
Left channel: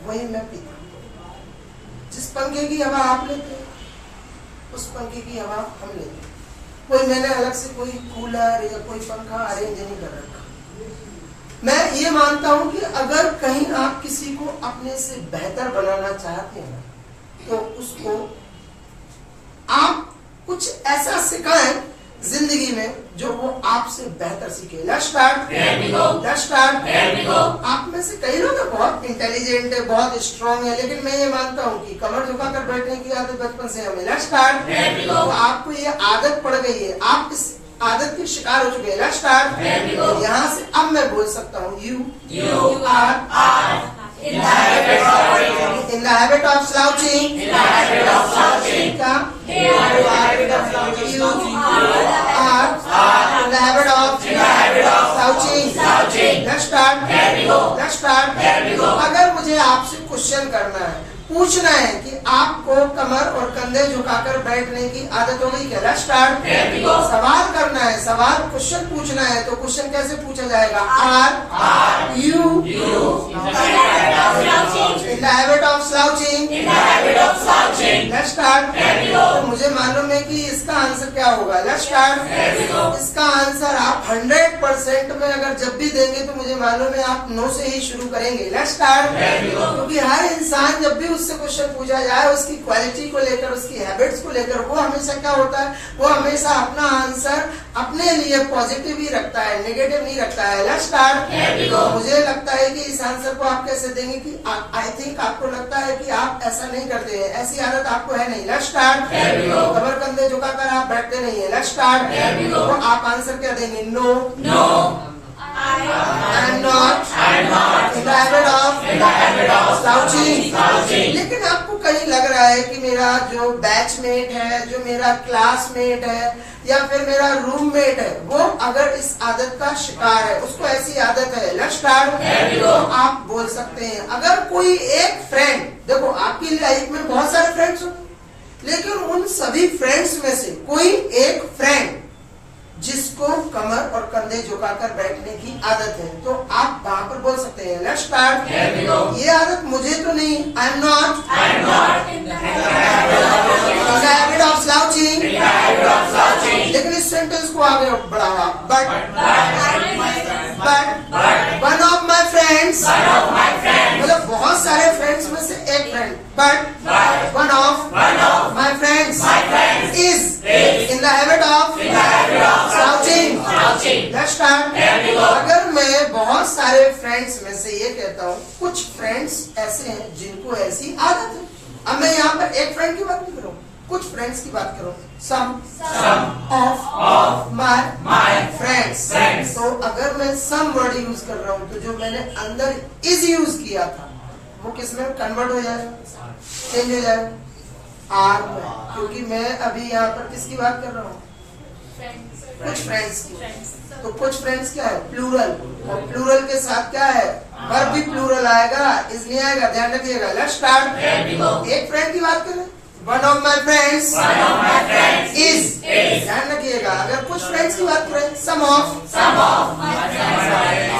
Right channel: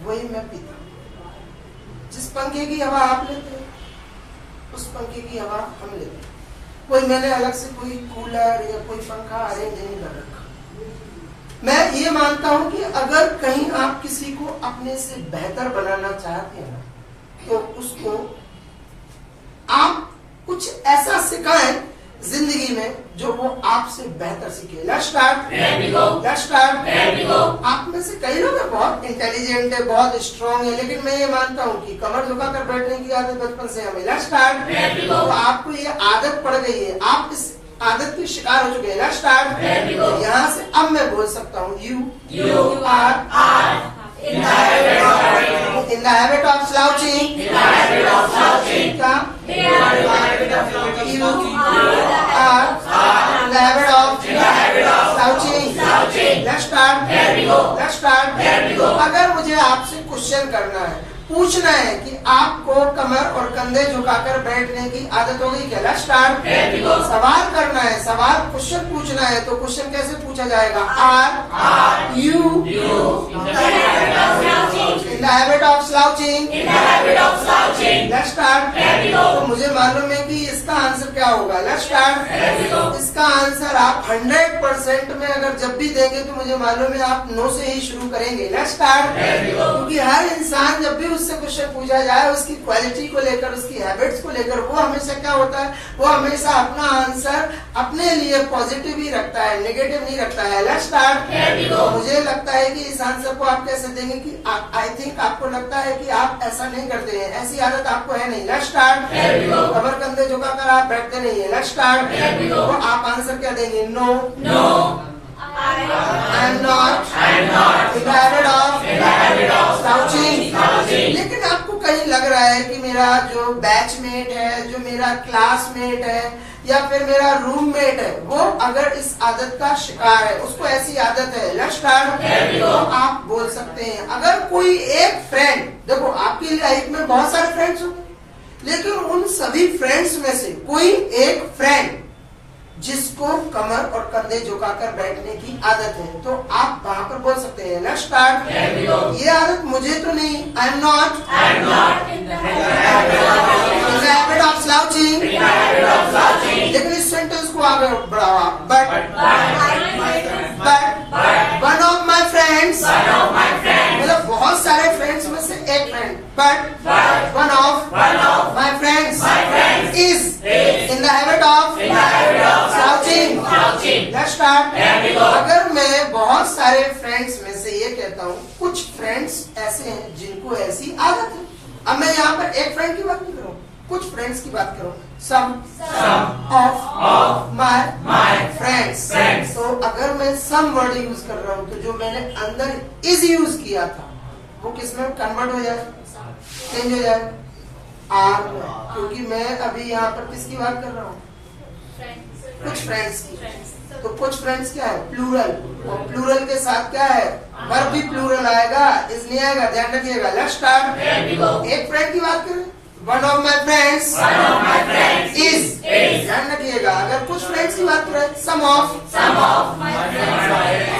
वही मैं पीता हूँ। जिस पंखे की हवा आप लेते हैं उस पंखे की हवा हम लेते हैं। कोई मैंने अलग से कोई कूलर या कोई पंखा अरेंज नहीं कर रखा। मैं ये मानता हूँ कि अगर कहीं आप किसी को अपने से बेहतर बनाना चाहते हैं तो उसको आप कुछ ऐसा सिखाएं जिंदगी में जो वो आपसे बेहतर सीखे। Let's start. Let's start. आप में से कई लोग बहुत इंटेलिजेंट है, बहुत स्ट्रांग है, लेकिन मैं ये मानता हूँ कि कमर झुकाकर बैठने की आदत बचपन से हमें। Let's start. तो आपको ये आदत पड़ गई है, आप इस आदत के शिकार हो चुके हैं। Let's start. यहाँ से अब मैं बोल सकता हूँ you are in the habit of slouching. You are in the habit of slouching. Let's start. Let's start. अगर मुझे आपसे क्वेश्चन करना है, पूछना है कि आपको कमर और कंधे झुकाकर बैठने की आदत हो गई क्या? Let's start. सवाल करना है, सवाल क्वेश्चन पूछना है, तो क्वेश्चन कैसे पूछा जाएगा? Are you in the habit of slouching? Let's start. तो मुझे मालूम है कि इसका आंसर क्या होगा। Let's start. इसका आंसर आप 100% में अगर जब भी देंगे तो मुझे मालूम है आप नो से ही शुरू करेंगे। Let's start. क्योंकि हर इंसान जब भी उससे क्वेश्चन पूछा जाए, उसकी क्वालिटी को लेकर, उसकी हैबिट्स को लेकर, वो हमेशा क्या होता है, वो हमेशा अपना आंसर अपने लिए पॉजिटिव ही रखता है, नेगेटिव नहीं रखता है। Let's start. मुझे लगता है कि इस आंसर को आप कैसे देंगे कि आई थिंक आपको लगता है कि आप ऐसा नहीं करते हैं, ऐसी आदत आपको है नहीं। Let's start. कमर कंधे झुकाकर आप बैठते नहीं है। Let's start. तो आप आंसर क्या देंगे? No, I am not in the habit of slouching. लेकिन आपको कहीं लग रहा है कि मेरा जो बैचमेट है, जो मेरा क्लासमेट है या फिर मेरा रूममेट है, वो अगर इस आदत का शिकार है, उसको ऐसी आदत है। Let's start. तो आप बोल सकते हैं अगर कोई एक फ्रेंड, देखो आपकी लाइफ में बहुत सारे फ्रेंड्स हो, लेकिन उन सभी फ्रेंड्स में से कोई एक फ्रेंड जिसको कमर और कंधे झुकाकर बैठने की आदत है, तो आप वहां पर बोल सकते हैं। Let's start. ये आदत मुझे तो नहीं, आई am not in the habit of slouching. लेकिन इस सेंटेंस को आगे बढ़ावा, but one of my friends, मतलब बहुत सारे फ्रेंड्स में से एक friend, but one of my friends is in the habit of slouching. Let's start. अगर मैं बहुत सारे फ्रेंड्स में से ये कहता हूँ, कुछ फ्रेंड्स ऐसे हैं जिनको ऐसी आदत है। अब मैं यहाँ पर एक फ्रेंड की बात नहीं करूँ, कुछ फ्रेंड्स की बात करूँ। Some of my friends. तो अगर मैं some वर्ड यूज कर रहा हूँ, तो जो मैंने अंदर is यूज किया था, वो किसमें कन्वर्ट हो जाएगा, चेंज हो जाएगा आर में, क्योंकि मैं अभी यहाँ पर किसकी बात कर रहा हूँ? कुछ फ्रेंड्स की। तो कुछ फ्रेंड्स क्या है? प्लूरल। और प्लूरल के साथ क्या है? वर्ब भी प्लूरल आएगा, इज नहीं आएगा, ध्यान रखिएगा। Let's start. एक फ्रेंड की बात करें, one of my friends is, ध्यान रखिएगा। अगर कुछ फ्रेंड्स की बात करें, some of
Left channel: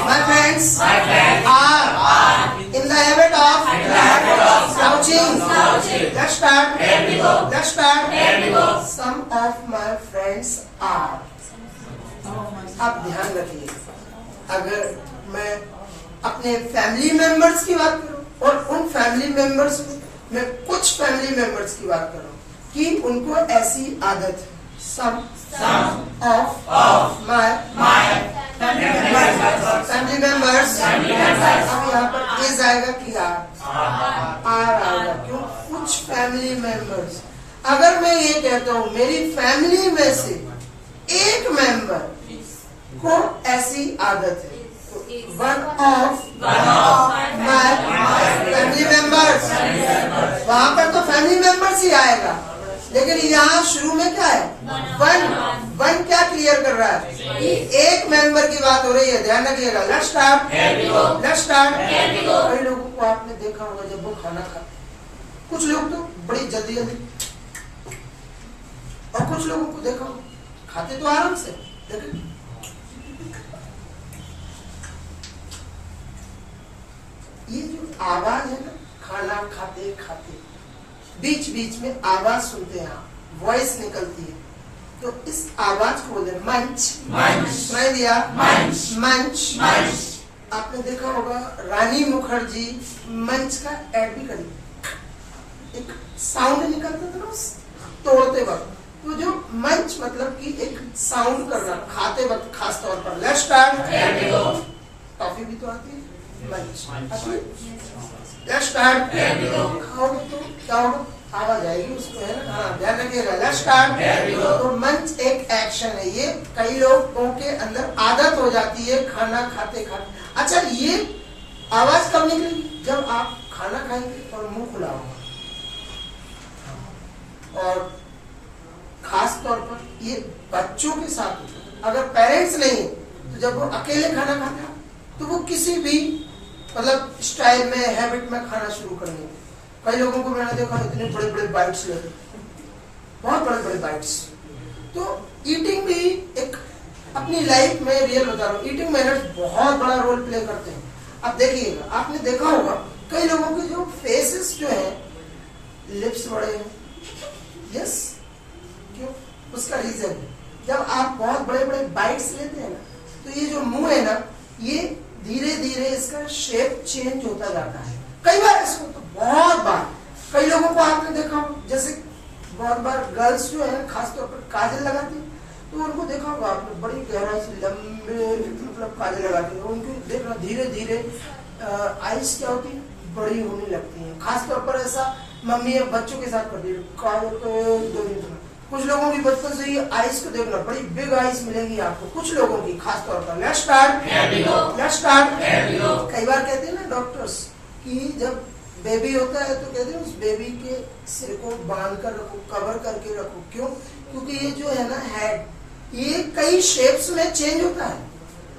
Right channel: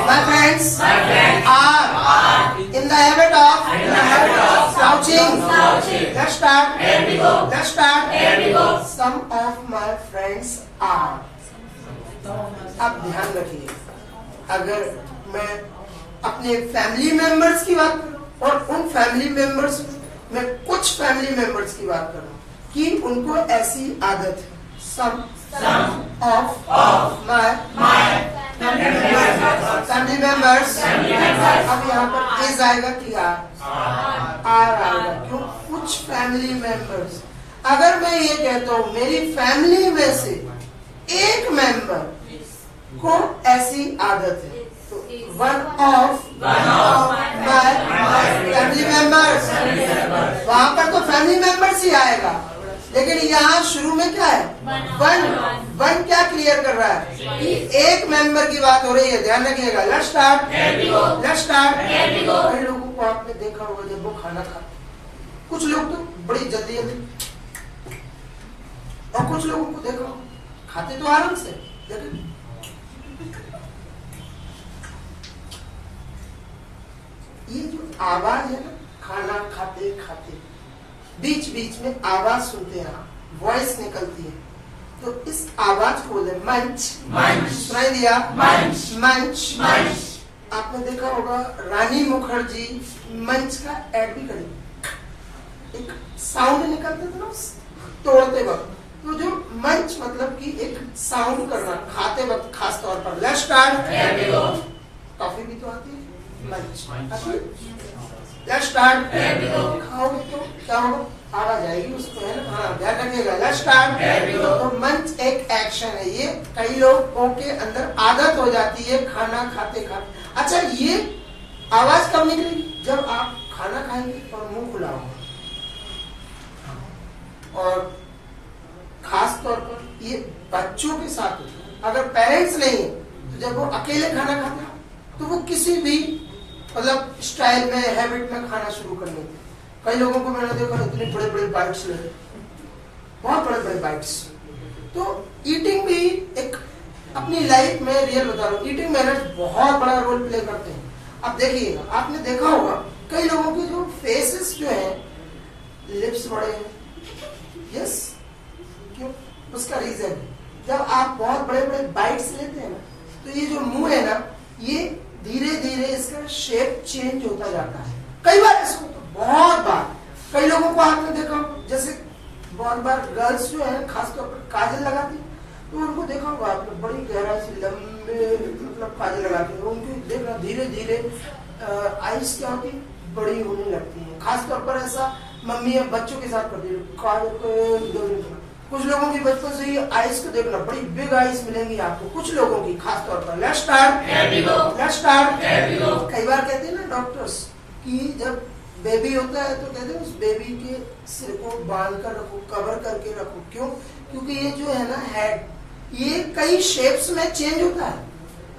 my friends are in the habit of slouching. Let's start. Let's start. Some of my friends are. आप ध्यान रखिए, अगर मैं अपने फैमिली मेंबर्स की बात करूं और उन फैमिली मेंबर्स में मैं कुछ फैमिली मेंबर्स की बात करूं कि उनको ऐसी आदत है, सम ऑफ माय फैमिली मेंबर्स। अब यहाँ पर इज आएगा कि आर आएगा, क्यों? कुछ फैमिली मेंबर्स। अगर मैं ये कहता हूँ मेरी फैमिली में से एक मेंबर को ऐसी आदत है, तो one of my family members, वहां पर तो फैमिली मेंबर्स ही आएगा, लेकिन यहाँ शुरू में क्या है? वन क्या क्लियर कर रहा है कि एक मेंबर की बात हो रही है, ध्यान रखिएगा। Let's start. Let's start. कई लोगों को आपने देखा होगा जब वो खाना खाते, कुछ लोग तो बड़ी जल्दी और कुछ लोगों को देखो खाते तो आराम से, लेकिन ये जो आवाज है ना, खाना खाते खाते बीच बीच में आवाज सुनते हैं, वॉइस निकलती है, तो इस आवाज को बोलते मंच। सुनाई दिया? मंच। आपने देखा होगा रानी मुखर्जी मंच का एड भी करी, एक साउंड निकलता था ना तोड़ते वक्त, तो जो मंच मतलब कि एक साउंड करना खाते वक्त खास तौर पर। Let's start. टॉफी भी तो आती है, मंच। Let's start. खाओगे तो क्या होगा, आवाज आएगी उसको, है ना। हाँ, ध्यान रखिएगा। Let's start. तो मंच एक एक्शन है, ये कई लोगों के अंदर आदत हो जाती है खाना खाते खाते। अच्छा, ये आवाज कब निकलेगी, जब आप खाना खाएंगे और मुंह खुला होगा। और खास तौर पर ये बच्चों के साथ होता है। अगर पेरेंट्स नहीं है तो जब वो अकेले खाना खाते हैं तो वो किसी भी मतलब स्टाइल में, हैबिट में खाना शुरू कर लेंगे। कई लोगों को मैंने देखा इतने बड़े बड़े बाइट्स लेते, बहुत बड़े बड़े बाइट्स। तो ईटिंग भी एक अपनी लाइफ में, रियल बता रहा हूँ, ईटिंग मैनर्स बहुत बड़ा रोल प्ले करते हैं। अब देखिएगा, आपने देखा होगा कई लोगों के जो फेसेस जो है, लिप्स बड़े हैं। यस, क्यों? उसका रीजन है, जब आप बहुत बड़े बड़े बाइट्स लेते हैं ना, तो ये जो मुंह है ना, ये धीरे धीरे इसका शेप चेंज होता जाता है। कई बार ऐसा होता है, बहुत बार। कई लोगों को आपने देखा हो, जैसे बहुत बार गर्ल्स जो है खासतौर पर काजल लगाती है, तो उनको देखा होगा आपने, बड़ी गहराई से लंबे मतलब काजल लगाते हैं। उनको देखना धीरे धीरे आइस क्या होती है, बड़ी होने लगती है। खासतौर पर ऐसा मम्मी या बच्चों के साथ करती है, काजल को। कुछ लोगों की बचपन से ही आइस को देखना, बड़ी बिग आइस मिलेगी आपको कुछ लोगों की खासतौर पर। Let's start. Let's start. कई बार कहते हैं ना डॉक्टर्स कि जब बेबी होता है तो कहते हैं उस बेबी के सिर को बांध कर रखो, कवर करके रखो। क्यों? क्योंकि ये जो है ना हेड, ये कई शेप्स में चेंज होता है।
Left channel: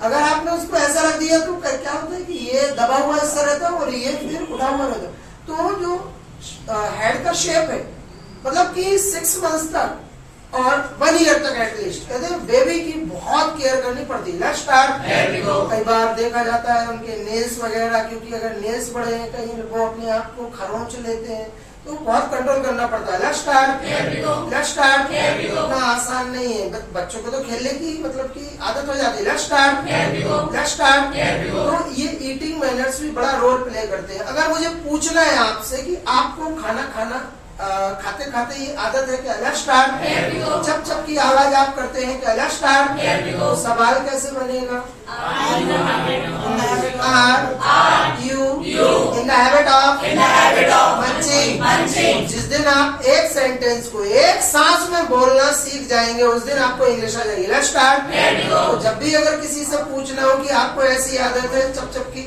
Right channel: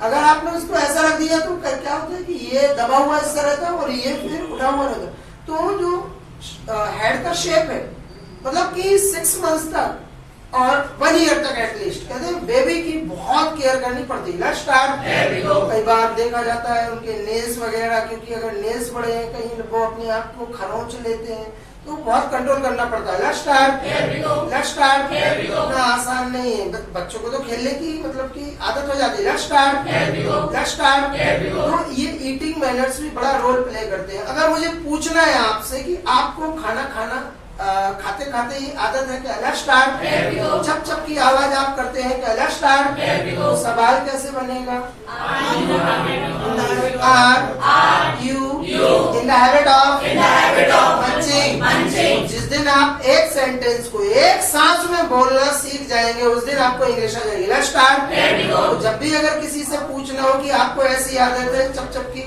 अगर आपने उसको ऐसा रख दिया तो क्या होता है कि ये दबा हुआ हिस्सा रहता है और ये फिर उठा हुआ रहता है। तो जो हेड का शेप है, मतलब कि 6 मंथ्स तक और 1 ईयर तक एटलीस्ट कहते हैं बेबी की बहुत केयर करनी पड़ती है। Let's start. कई बार देखा जाता है उनके नेल्स वगैरह, क्योंकि अगर नेल्स बड़े हैं, कहीं वो अपने आप को खरोंच लेते हैं, तो बहुत कंट्रोल करना पड़ता है। Let's start. Let's start. इतना आसान नहीं है, बच्चों को तो खेलने की मतलब की आदत हो जाती है। Let's start. Let's start. तो ये ईटिंग मैनर्स भी बड़ा रोल प्ले करते हैं। अगर मुझे पूछना है आपसे कि आपको खाना खाते खाते ये आदत है क्या? Let's start. चप चप की आवाज आप करते हैं क्या? Let's start. तो सवाल कैसे बनेगा? Are you in the habit of munching. जिस दिन आप एक सेंटेंस को एक सांस में बोलना सीख जाएंगे, उस दिन आपको इंग्लिश आ जाएगी। Let's start. तो जब भी अगर किसी से पूछना हो कि आपको ऐसी आदत है चप चप की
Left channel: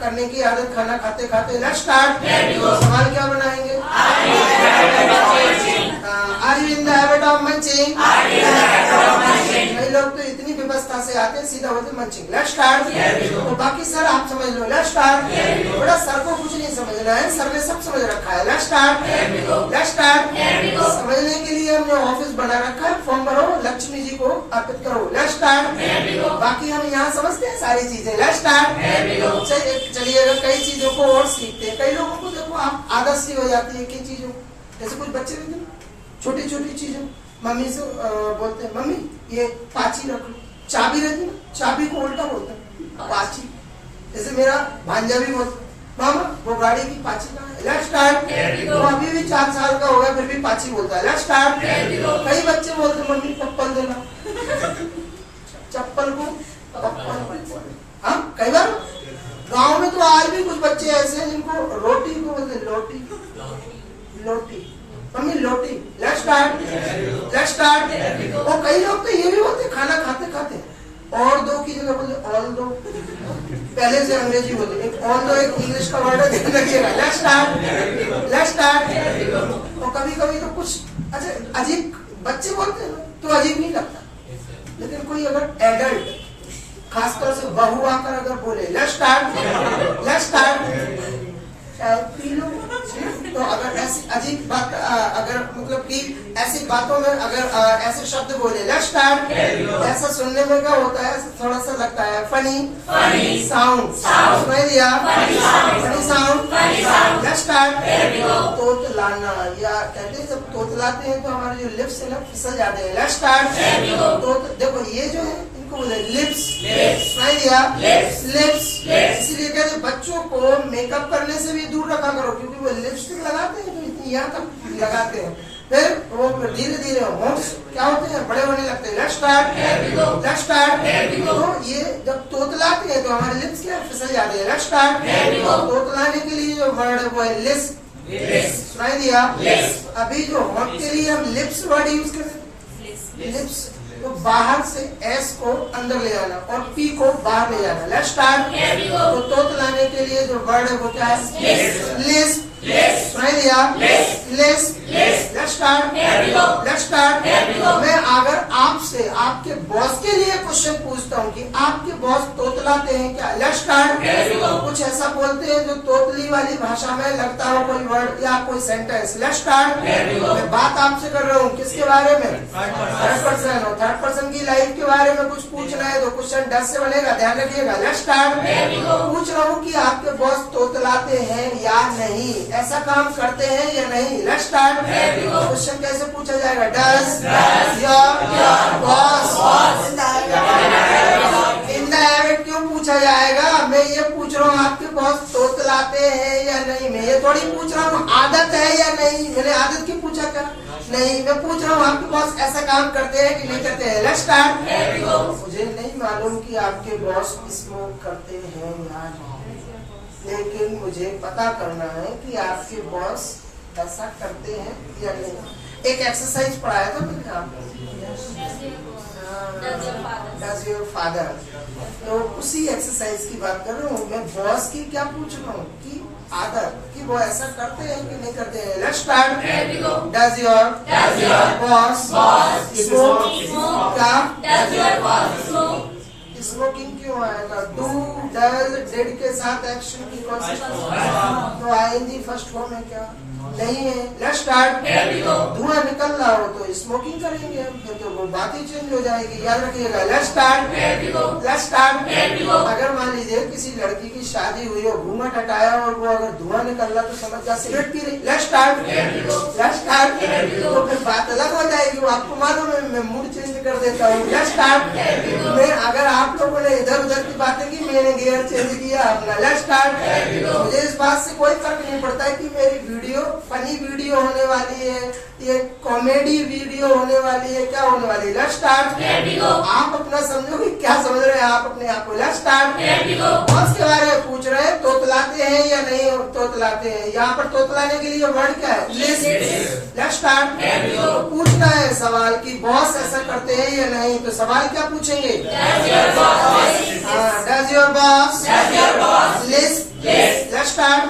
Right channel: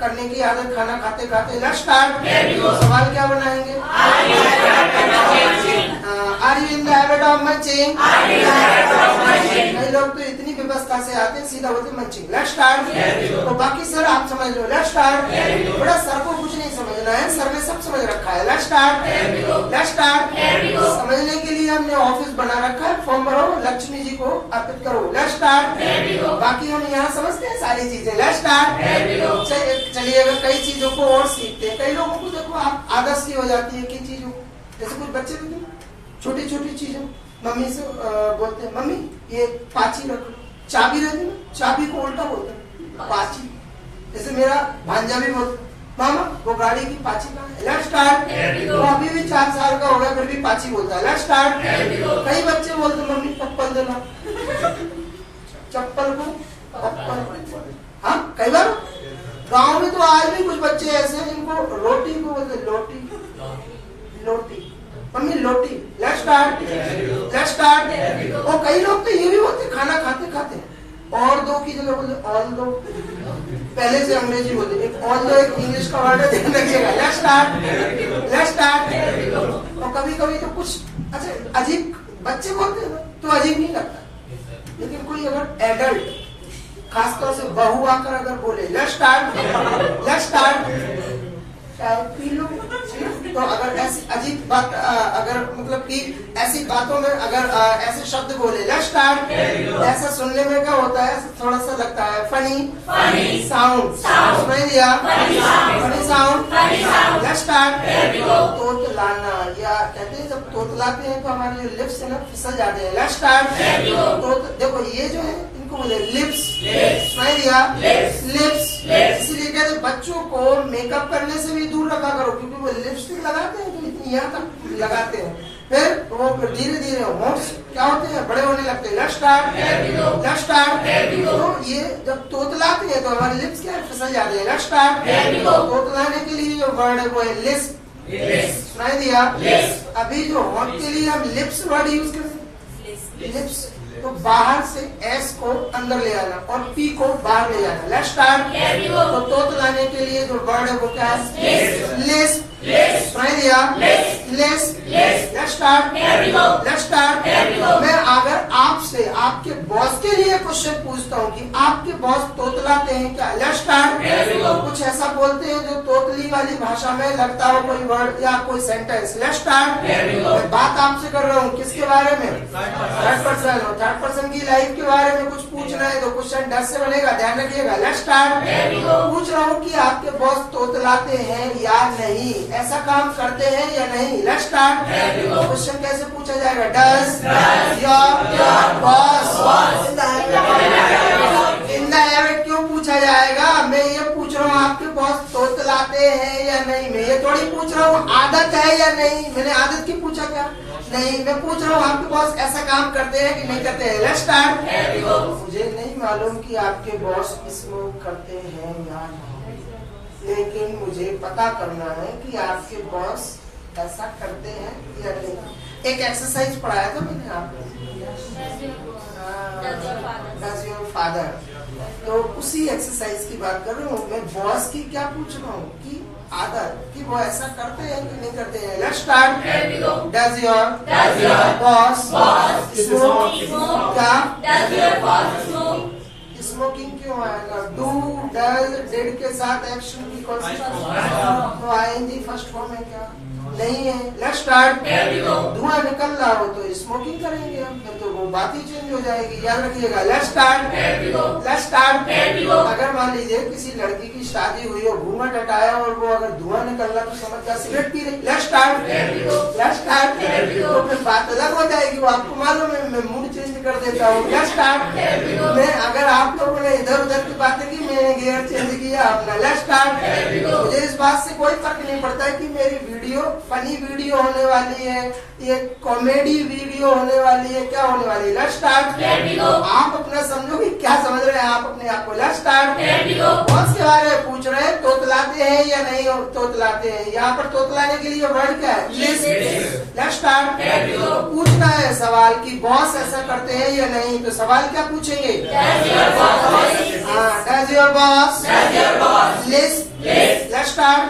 करने की आदत खाना खाते खाते, लेट्स स्टार्ट। तो सवाल क्या बनाएंगे? Are you in the habit of munching? कई लोग तो इतनी व्यवस्था से आके सीधा होते मंचिंग। Let's start. तो बाकी सर आप समझ लो। Let's start. बड़ा सर को कुछ नहीं समझना है, सर ने सब समझ रखा है। Let's start. Let's start. समझने के लिए हमने ऑफिस बना रखा है, फॉर्म भरो, लक्ष्मी जी को अर्पित करो। Let's start. बाकी हम यहाँ समझते हैं सारी चीजें। Let's start. चलिए, अगर कई चीजों को और सीखते हैं, कई लोगों को देखो आप आदत सी हो जाती है कि चीजों, जैसे कुछ बच्चे भी छोटी छोटी चीजों मम्मी से बोलते हैं, मम्मी ये पाची रख लो। चाबी रहती है, चाबी को उल्टा बोलते हैं पाची। जैसे मेरा भांजा भी बोलता है, मामा वो गाड़ी की पाची कहाँ है? Let's start. तो अभी भी 4 साल का हो गया फिर भी पाची बोलता है। Let's start. कई बच्चे बोलते मम्मी चप्पल देना, चप्पल को पप्पल। हाँ, कई बार गांव में तो आज भी कुछ बच्चे ऐसे हैं जिनको रोटी को बोलते लोटी, लोटी मम्मी लोटी। Let's start. Let's start. और कई लोग तो ये भी बोलते खाना खाते खाते और दो की जगह बोलते ऑल दो, पहले से अंग्रेजी बोलते। एक ऑल दो एक इंग्लिश का वर्ड है, ध्यान रखिएगा। Let's start. Let's start. और कभी कभी तो कुछ अच्छा अजीब बच्चे बोलते हैं तो अजीब नहीं लगता, लेकिन कोई अगर एडल्ट खासतौर से बहू आकर अगर बोले लेट्स स्टार्ट, लेट्स स्टार्ट पी लो, तो अगर ऐसी अजीब बात अगर मतलब कि ऐसी बातों में अगर ऐसे शब्द बोले लेट्स स्टार्ट, ऐसा सुनने में क्या होता है, थोड़ा सा लगता है फनी साउंड। समझ लिया? Funny sound. Let's start. तोतलाना, या कहते हैं जब तोतलाते हैं तो हमारे जो लिप्स है ना फिसल जाते हैं। Let's start. तो देखो ये जो है इनको बोले लिप्स। समझ लिया? लिप्स। इसीलिए कहते हैं बच्चों को मेकअप करने से भी दूर रखा करो, क्योंकि वो लिपस्टिक लगाते हैं तो इतनी यहाँ तक लगाते हैं। फिर वो धीरे धीरे होंठ क्या होते हैं, बड़े होने लगते हैं। Let's start, let's start. तो ये जब तोतलाते हैं तो हमारे लिप्स क्या फिसल जाते हैं। Let's start. तोतलाने के लिए जो वर्ड है वो है लिस्प, सुनाई दिया। अभी जो होंठ के लिए हम लिप्स वर्ड यूज करते हैं, लिप्स, तो बाहर से एस को अंदर ले आना और पी को बाहर ले जाना। Let's start. तो तोतलाने के लिए जो वर्ड है वो क्या है, लिस्प, सुनाई दिया, Lisp. Let's start, let's start. मैं अगर आपसे आपके बॉस के लिए क्वेश्चन पूछता हूँ कि आपके बॉस तोतलाते हैं क्या, लेट्स स्टार्ट। कुछ ऐसा बोलते हैं जो तोतली वाली भाषा में लगता हो कोई वर्ड या कोई सेंटेंस। Let's start. मैं बात आपसे कर रहा हूँ किसके बारे में, थर्ड पर्सन। और थर्ड पर्सन की लाइफ के बारे में कुछ पूछना है तो क्वेश्चन 10 से बनेगा, ध्यान रखिएगा। Let's start. पूछ रहा हूँ कि आपके बॉस तोतलाते हैं या नहीं, ऐसा काम करते हैं या नहीं। Let's start. क्वेश्चन कैसे पूछा जाएगा, does your boss in the habit, क्यों पूछा जाएगा। मैं ये पूछ रहा हूँ आपके बॉस तोतलाते हैं या नहीं, मैं ये थोड़ी पूछ रहा हूँ आदत है या नहीं। मैंने आदत की पूछा क्या, नहीं, मैं पूछ रहा हूँ आपके बॉस ऐसा काम करते हैं कि नहीं करते हैं। Let's start. मुझे नहीं मालूम कि आपके बॉस स्मोक करते हैं या नहीं, लेकिन मुझे पता करना है कि आपके बॉस ऐसा करते हैं या नहीं। एक एक्सरसाइज पढ़ाया था मैंने आपको, डज योर फादर, तो उसी एक्सरसाइज की बात कर रहा हूँ। मैं बॉस की क्या पूछ रहा हूँ कि आदत, कि वो ऐसा करते हैं कि नहीं करते हैं। Let's start. Does your boss smoke, क्या स्मोकिंग क्यों आएगा, डू डज डिड के साथ एक्शन की कौन सी, तो आईएनजी फर्स्ट फॉर्म है क्या, नहीं है। Let's start. धुआं निकल रहा हो तो स्मोकिंग करेंगे हम, फिर तो वो बात ही चेंज हो जाएगी, याद रखिएगा। Let's start, let's start. अगर मान लीजिए किसी लड़की की शादी हुई और घूंघट हटाया और वो अगर धुआं निकल रहा तो समझ जा सिगरेट पी रही। Let's start, let's start. तो फिर बात अलग हो जाएगी, वो आपको मालूम है, मैं मूड चेंज कर देता हूँ। Let's start. मैं अगर आप लोगों ने इधर उधर की बातें की, मैंने गियर चेंज किया अपना। Let's start. मुझे इस बात से कोई फर्क नहीं पड़ता है कि मेरी वीडियो फनी वीडियो होने वाली है, ये कॉमेडी वीडियो होने वाली है, क्या होने वाली है। Let's start. आप अपना समझो कि क्या समझ रहे हैं आप अपने आप को। Let's start. बॉस के बारे में पूछ रहे हैं, तोतलाते हैं या नहीं तोतलाते हैं। यहाँ पर तोतलाने के लिए वर्ड क्या है, लिस्ट। Let's start. पूछना है सवाल कि बॉस ऐसा करते हैं या नहीं, तो सवाल क्या पूछेंगे, does your boss list. Let's start.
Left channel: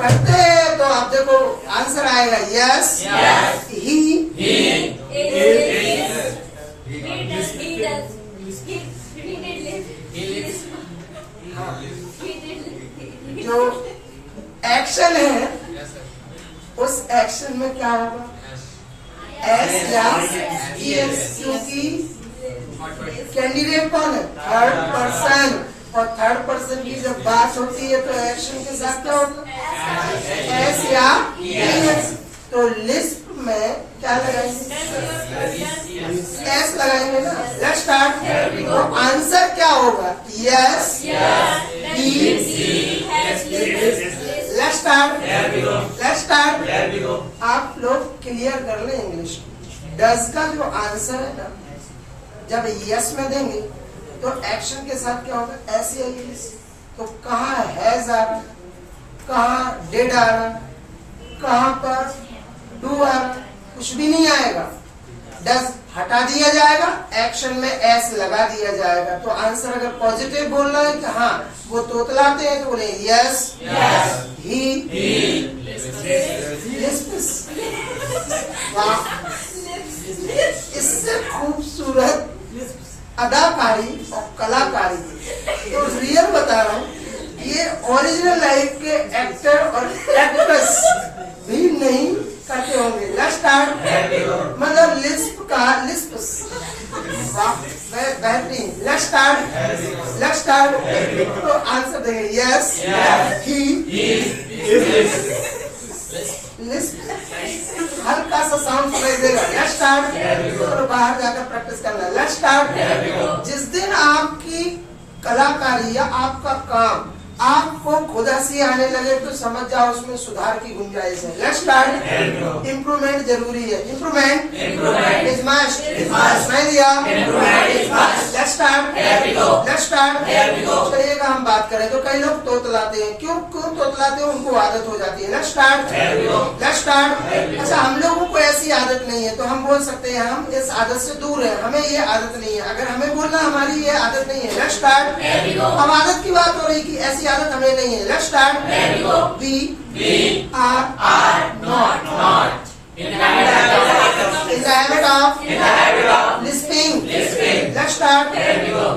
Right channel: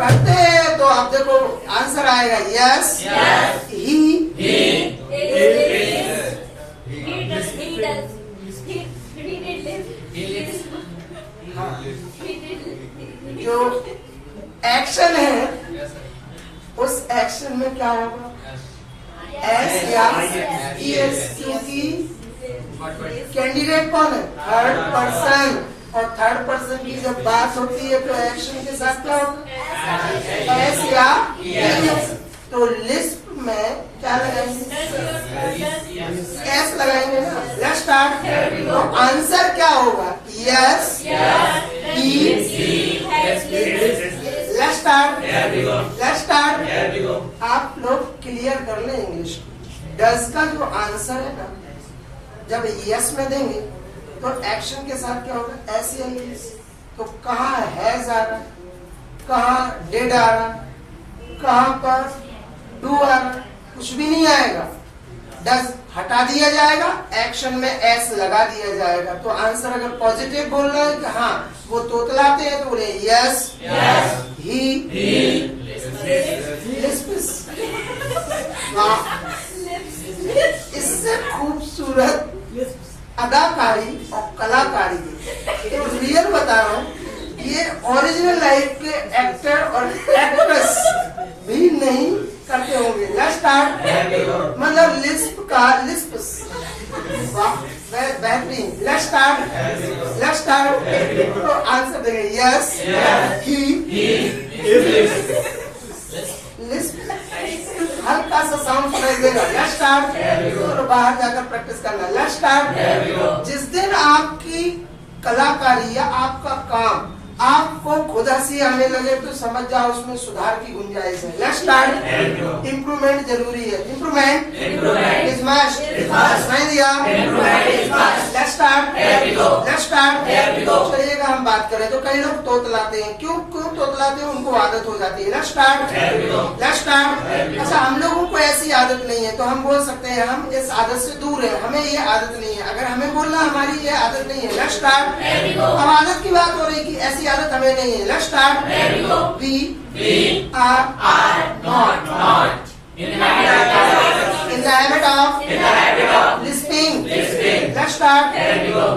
करते हैं तो अब देखो आंसर आएगा यस, ही जो एक्शन है उस एक्शन में क्या होगा, एस या एस, क्योंकि कैंडिडेट कौन है, थर्ड पर्सन, और थर्ड पर्सन की जब बात होती है तो एक्शन के साथ क्या होगा, एस या एस। तो लिस्ट में क्या लगाएंगे, एस लगाएंगे ना। Let's start. तो आंसर क्या होगा, yes he. Let's start, let's start. आप लोग क्लियर कर लें इंग्लिश। डज का जो आंसर है ना, जब यस में देंगे तो एक्शन के साथ क्या होगा, ऐसे आएगी। तो कहाँ हैज आ रहा, कहाँ डिड आ रहा, कहाँ पर डू आ रहा, कुछ भी नहीं आएगा। डज हटा दिया जाएगा, एक्शन में एस लगा दिया जाएगा। तो आंसर अगर पॉजिटिव बोल रहे हैं कि हाँ वो तोतलाते हैं तो बोले यस ही। इससे खूबसूरत अदाकारी और कलाकारी, तो रियल बता रहा हूँ, ये ओरिजिनल लाइफ के एक्टर और एक्ट्रेस भी नहीं करते होंगे। Let's start. मतलब लिस्प का लिस्प बेहतरीन। Let's start, let's start. तो आंसर देंगे यस ही। लिस्प हल्का सा साउंड सुनाई देगा। Let's start. तो बाहर जाकर प्रैक्टिस करना। Let's start. जिस दिन आपकी कलाकारी या आपका काम आपको खुद हंसी आने लगे तो समझ जाओ उसमें सुधार की गुंजाइश है। Let's start. इम्प्रूवमेंट जरूरी है। Improvement is must. नहीं दिया। Let's start. Let's start. चलिएगा हम बात करें तो कई लोग तोतलाते हैं। क्यों तोतलाते हैं? उनको आदत हो जाती है। Let's start. Let's start. अच्छा, हम लोगों को ऐसी आदत नहीं है तो हम बोल सकते हैं हम इस आदत से दूर है, हमें ये आदत नहीं है। अगर हमें बोलना हमारी ये आदत नहीं है। Let's start. अब आदत की बात हो रही कि ऐसी आदत हमें नहीं है। Let's start. We are not in the habit of listening. Let's start.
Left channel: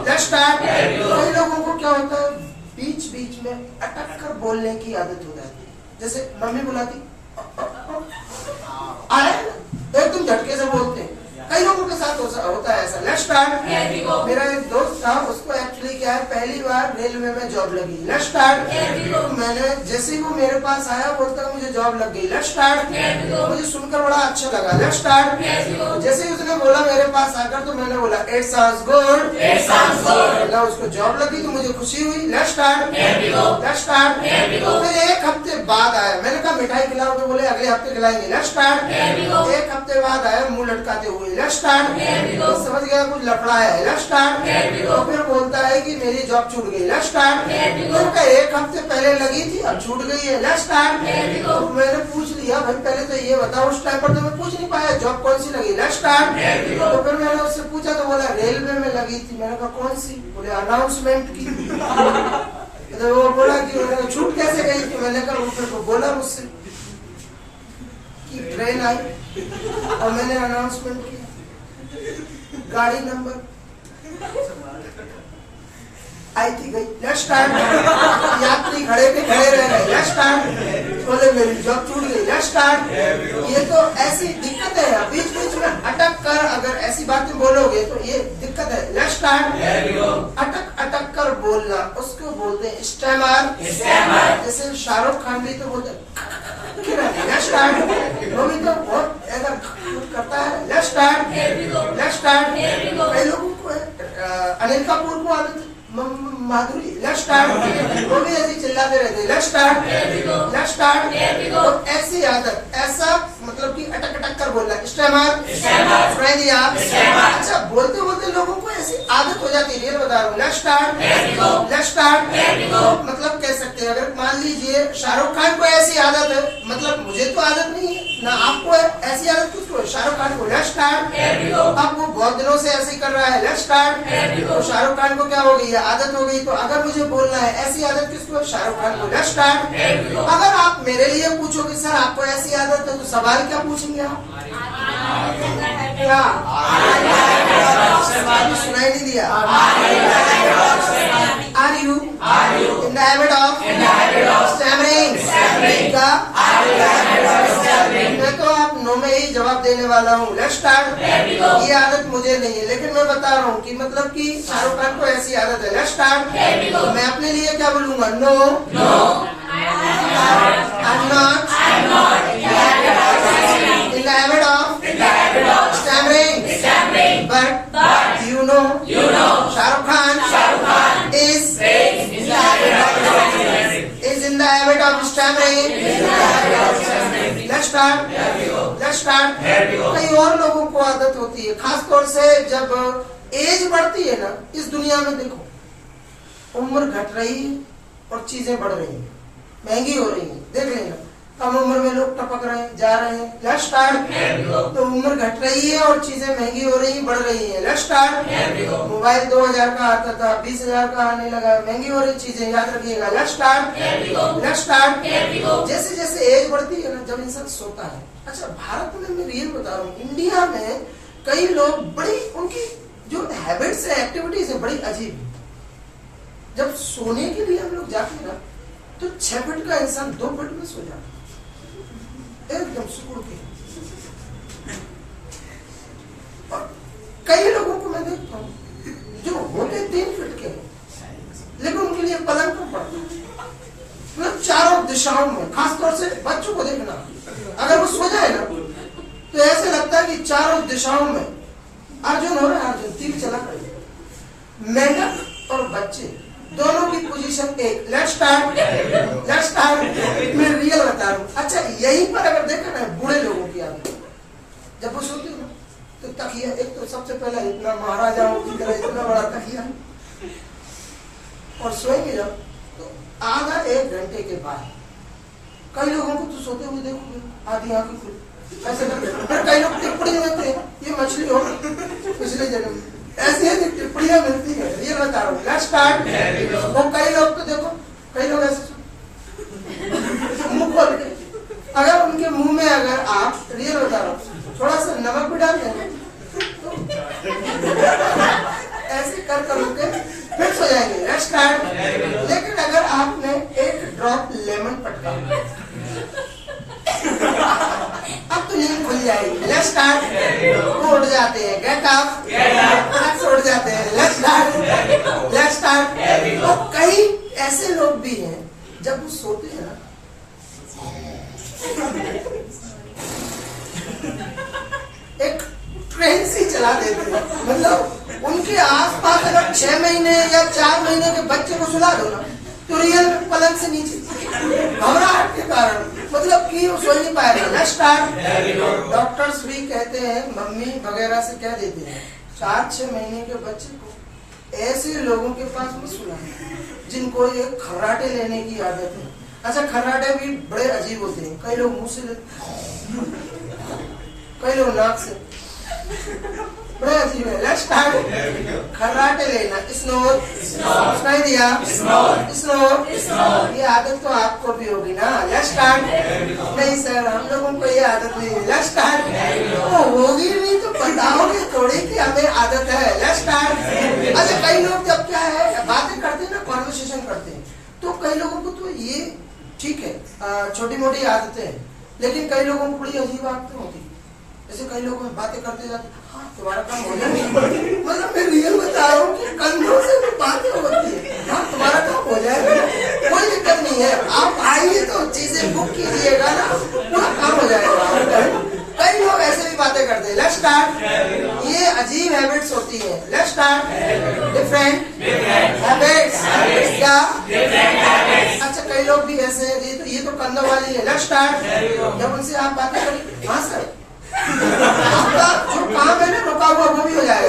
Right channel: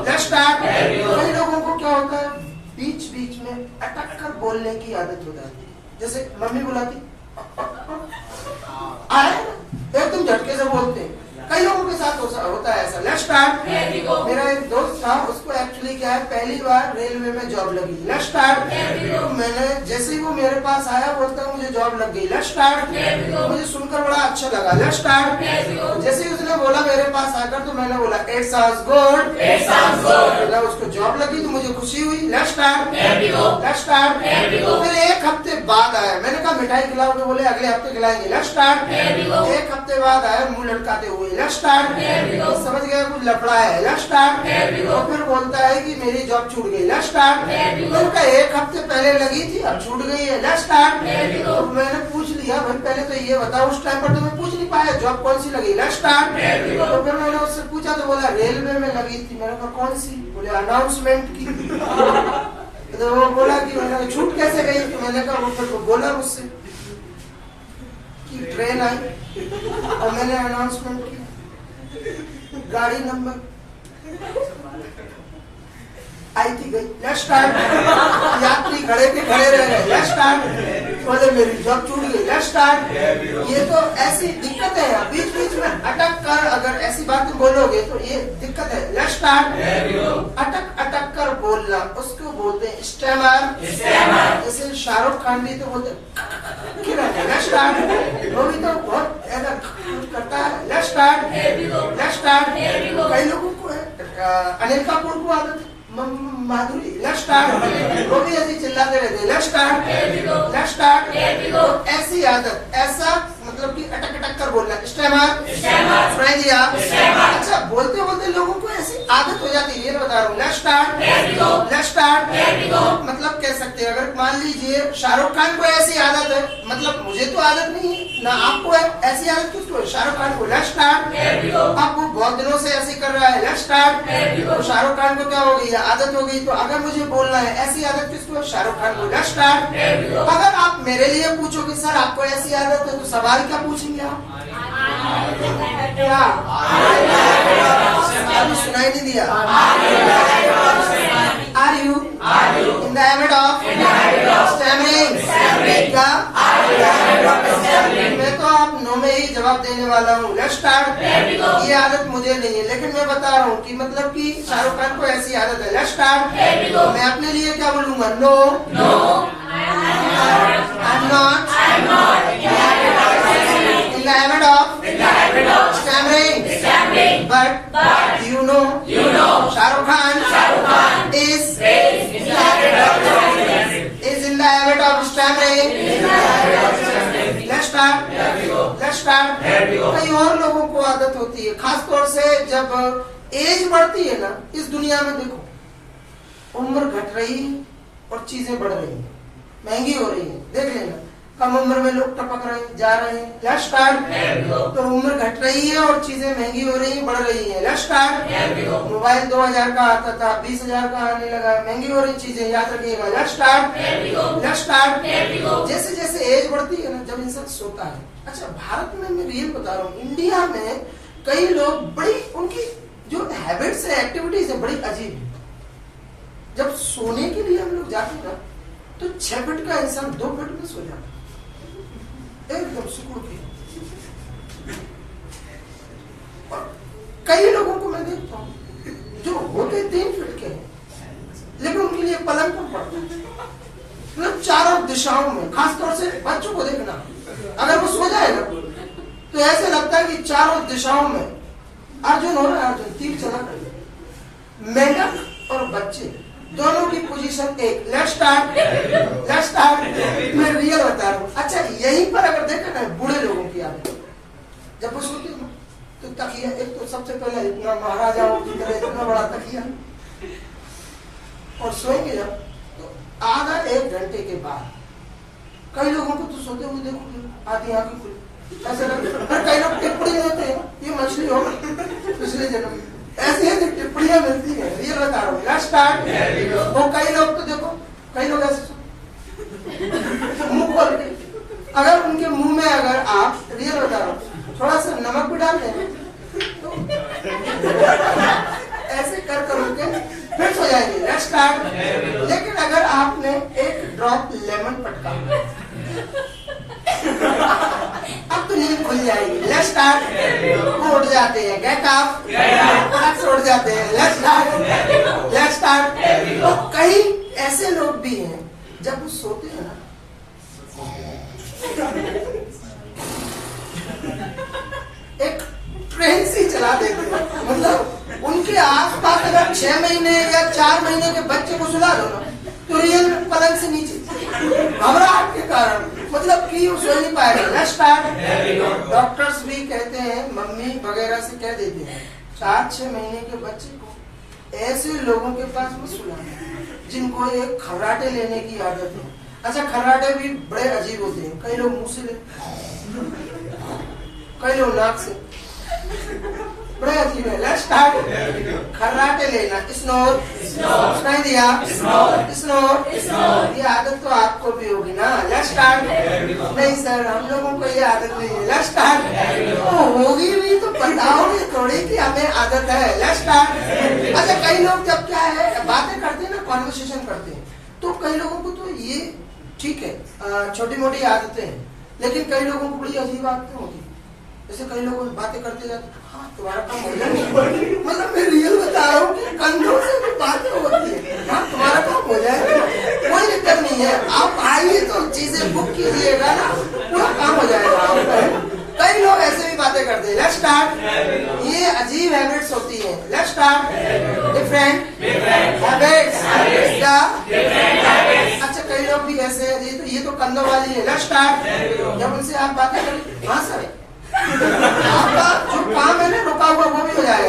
Let's start. कई लोगों को क्या होता है, बीच बीच में अटक कर बोलने की आदत हो जाती है। जैसे मम्मी बुलाती आए एकदम झटके से बोलते हैं। कई लोगों के साथ होता है ऐसा। Let's start. मेरा एक दोस्त था, उसको एक्चुअली क्या है, पहली बार रेलवे में जॉब लगी। Let's start. तो मैंने जैसे ही वो मेरे पास आया बोलता है मुझे जॉब लग गई। Let's start. मुझे सुनकर बड़ा अच्छा लगा। Let's start. जैसे ही उसने बोला मेरे पास आकर तो मैंने बोला इट साउंड्स गुड। उसको जॉब लगी तो मुझे खुशी हुई। Let's start. Let's start. फिर एक हफ्ते बाद आया, मैंने कहा मिठाई खिलाओ तो बोले अगले हफ्ते खिलाएंगे। Let's start. एक हफ्ते बाद आया मुंह लटकाते हुए। Let's start. तो समझ गया कुछ लफड़ा है। Let's start. तो फिर बोलता है कि मेरी जॉब छूट गई। Let's start. तो एक हफ्ते पहले लगी थी अब छूट गई है। Let's start. तो मैंने पूछ लिया भाई पहले तो ये बताओ, उस टाइम पर तो मैं पूछ नहीं पाया जॉब कौन सी लगी। Let's start. तो फिर मैंने उससे पूछा तो बोला रेलवे में लगी थी। मैंने कहा कौन सी? बोले अनाउंसमेंट की। तो वो बोला कि मैंने कहा छूट कैसे गई थी? मैंने कहा वो फिर बोला मुझसे कि ट्रेन आई और मैंने अनाउंसमेंट किया, गाड़ी नंबर आई थी गई। Let's start. यात्री खड़े के खड़े रह गए। Let's start. बोले मेरी जॉब छूट गई। Let's start. ये तो ऐसी दिक्कत है, बीच बीच में अटक कर अगर ऐसी बातें बोलोगे तो ये दिक्कत है। Let's start. अटक अटक कर बोलना उसको बोलते हैं स्टैमर। जैसे शाहरुख खान भी तो बोलते लेट्स स्टार्ट। वो भी तो बहुत ऐसा करता है। Let's start. Let's start. कई लोगों को अनिल कपूर को आदत माधुरी। Let's start. वो भी ऐसे चिल्लाते रहते हैं। Let's start. Let's start. तो ऐसी आदत, ऐसा मतलब कि अटक अटक कर बोलना स्टैमर। सुनाई दिया? अच्छा, बोलते बोलते लोगों को ऐसी आदत हो जाती है, ये बता रहा हूँ। Let's start. Let's start. मतलब कह सकते हैं अगर मान लीजिए शाहरुख खान को ऐसी आदत है, मतलब मुझे तो आदत नहीं है ना आपको है, ऐसी आदत किसको है? शाहरुख खान को। Let's start. अब वो बहुत दिनों से ऐसे कर रहा है। Let's start. तो शाहरुख खान को क्या हो गई? आदत हो गई। तो अगर मुझे बोलना है ऐसी आदत किसको है? शाहरुख खान को। Let's start. अगर आप मेरे लिए पूछोगे सर आपको ऐसी आदत है, तो सवाल क्या पूछेंगे आप? क्या सुनाई नहीं दिया? Are you in the habit of stammering? मैं तो आप नो में ही जवाब देने वाला हूँ। Let's start. ये आदत मुझे नहीं है, लेकिन मैं बता रहा हूँ कि मतलब कि शाहरुख खान को ऐसी आदत है। Let's start. तो मैं अपने लिए क्या बोलूंगा? No, I am not in the habit of stammering, but you know Shahrukh Khan is in the habit of stammering. Let's start. Let's start. कई और लोगों को आदत होती है, खासतौर से जब एज बढ़ती है ना, इस दुनिया में देखो उम्र घट रही है और चीजें बढ़ रही है, महंगी हो रही है। देख लेना कम उम्र में लोग टपक रहे हैं, जा रहे हैं। Let's start. तो उम्र घट रही है और चीजें महंगी हो रही हैं, बढ़ रही हैं। Let's start. मोबाइल 2000 का आता था, 20,000 का आने लगा, महंगी हो रही चीजें, याद रखिएगा। Let's start. Let's start. जैसे जैसे एज बढ़ती है ना, जब इंसान सोता है। अच्छा, भारत में मैं रियल बता रहा हूँ, इंडिया में कई लोग बड़ी उनकी जो हैबिट्स है, एक्टिविटीज है, बड़ी अजीब है। जब सोने के लिए हम लोग जाते हैं ना, तो 6 फीट का इंसान 2 फीट में सो जाता है, एकदम सुकून के। और कई लोगों को मैं देखता हूँ जो होते 3 फीट के, लेकिन उनके लिए पलंग पर पड़ता है, मतलब चारों दिशाओं में। खासतौर से बच्चों को देखना, अगर वो सो जाए ना तो ऐसे लगता है कि चारों दिशाओं में अर्जुन हो रहा है, अर्जुन तीर चला रही है। मेंढक और बच्चे दोनों की पोजीशन एक। Let's start. मैं रियल बता रहा हूँ। अच्छा, यहीं पर अगर देखा ना बूढ़े लोगों की आदत, जब वो सोते हो तो तकिया, एक तो सबसे पहले इतना महाराजाओं की तरह इतना बड़ा तकिया, और सोएंगे जब तो आधा एक घंटे के बाद कई लोगों को तो सोते हुए देखोगे आधी आंखें खुली ऐसे लगता है। कई लोग टिप्पणी देते हैं ये मछली हो पिछले जन्म, ऐसी है टिप्पणियां मिलती है। रियल बता रहा हूँ। Let's start. वो कई लोग तो देखो, कई लोग ऐसे मुंह खोल के, अगर उनके मुंह में अगर आप, रियल बता रहा हूँ, थोड़ा सा नमक भी डाल देंगे तो ऐसे कर उनके फिर सो जाएंगे। Let's start. लेकिन अगर आपने एक ड्रॉप लेमन पटका अब तो नींद खुल जाएगी। Let's start. वो उठ जाते हैं, गेट अप, उठ जाते हैं। Let's start. तो कई ऐसे लोग भी हैं जब वो सोते हैं ना, एक ट्रेन सी चला देते हैं। मतलब उनके आसपास अगर 6 महीने या 4 महीने के बच्चे को सुला दो ना तो रियल पलंग से नीचे घबराहट के कारण, मतलब कि वो सो नहीं पाएगा। Let's start. डॉक्टर्स भी कहते हैं, मम्मी वगैरह से कह देते हैं 4-6 महीने के बच्चे को ऐसे लोगों के पास मत सुलाना जिनको एक खर्राटे लेने की आदत है। अच्छा, खर्राटे भी बड़े अजीब होते हैं। कई लोग मुंह से लेते, कई लोग नाक से, बड़े अजीब है। Let's start. खर्राटे लेना, स्नोर, सुनाई दिया, स्नोर। ये आदत तो आपको भी होगी ना। Let's start. नहीं सर, हम लोगों को ये आदत नहीं है। Let's start. होगी भी तो बताओगे थोड़ी कि हमें आदत है। Let's start. अच्छा, कई लोग जब क्या है बातें करते हैं ना, कॉन्वर्सेशन करते हैं, तो कई लोगों को तो ये ठीक है, छोटी मोटी आदतें हैं, लेकिन कई लोगों को बड़ी अजीब आदतें होती है। जैसे कई लोग बातें करते जाते, हाँ तुम्हारा काम हो जाएगा, मतलब मैं रियल बता रहा हूँ कि कंधों से भी बातें होती है, हाँ तुम्हारा काम हो जाएगा, कोई दिक्कत नहीं है, आप आइए तो चीजें बुक कीजिएगा ना, पूरा काम हो जाएगा। कई लोग ऐसे भी बातें करते हैं। Let's start. ये अजीब हैबिट्स होती है। Let's start. Different habits. अच्छा, कई लोग भी ऐसे, ये तो कंधों वाली है। Let's start. जब उनसे आप बातें करें, हाँ सर आपका जो काम है ना रुका हुआ वो भी हो जाएगा।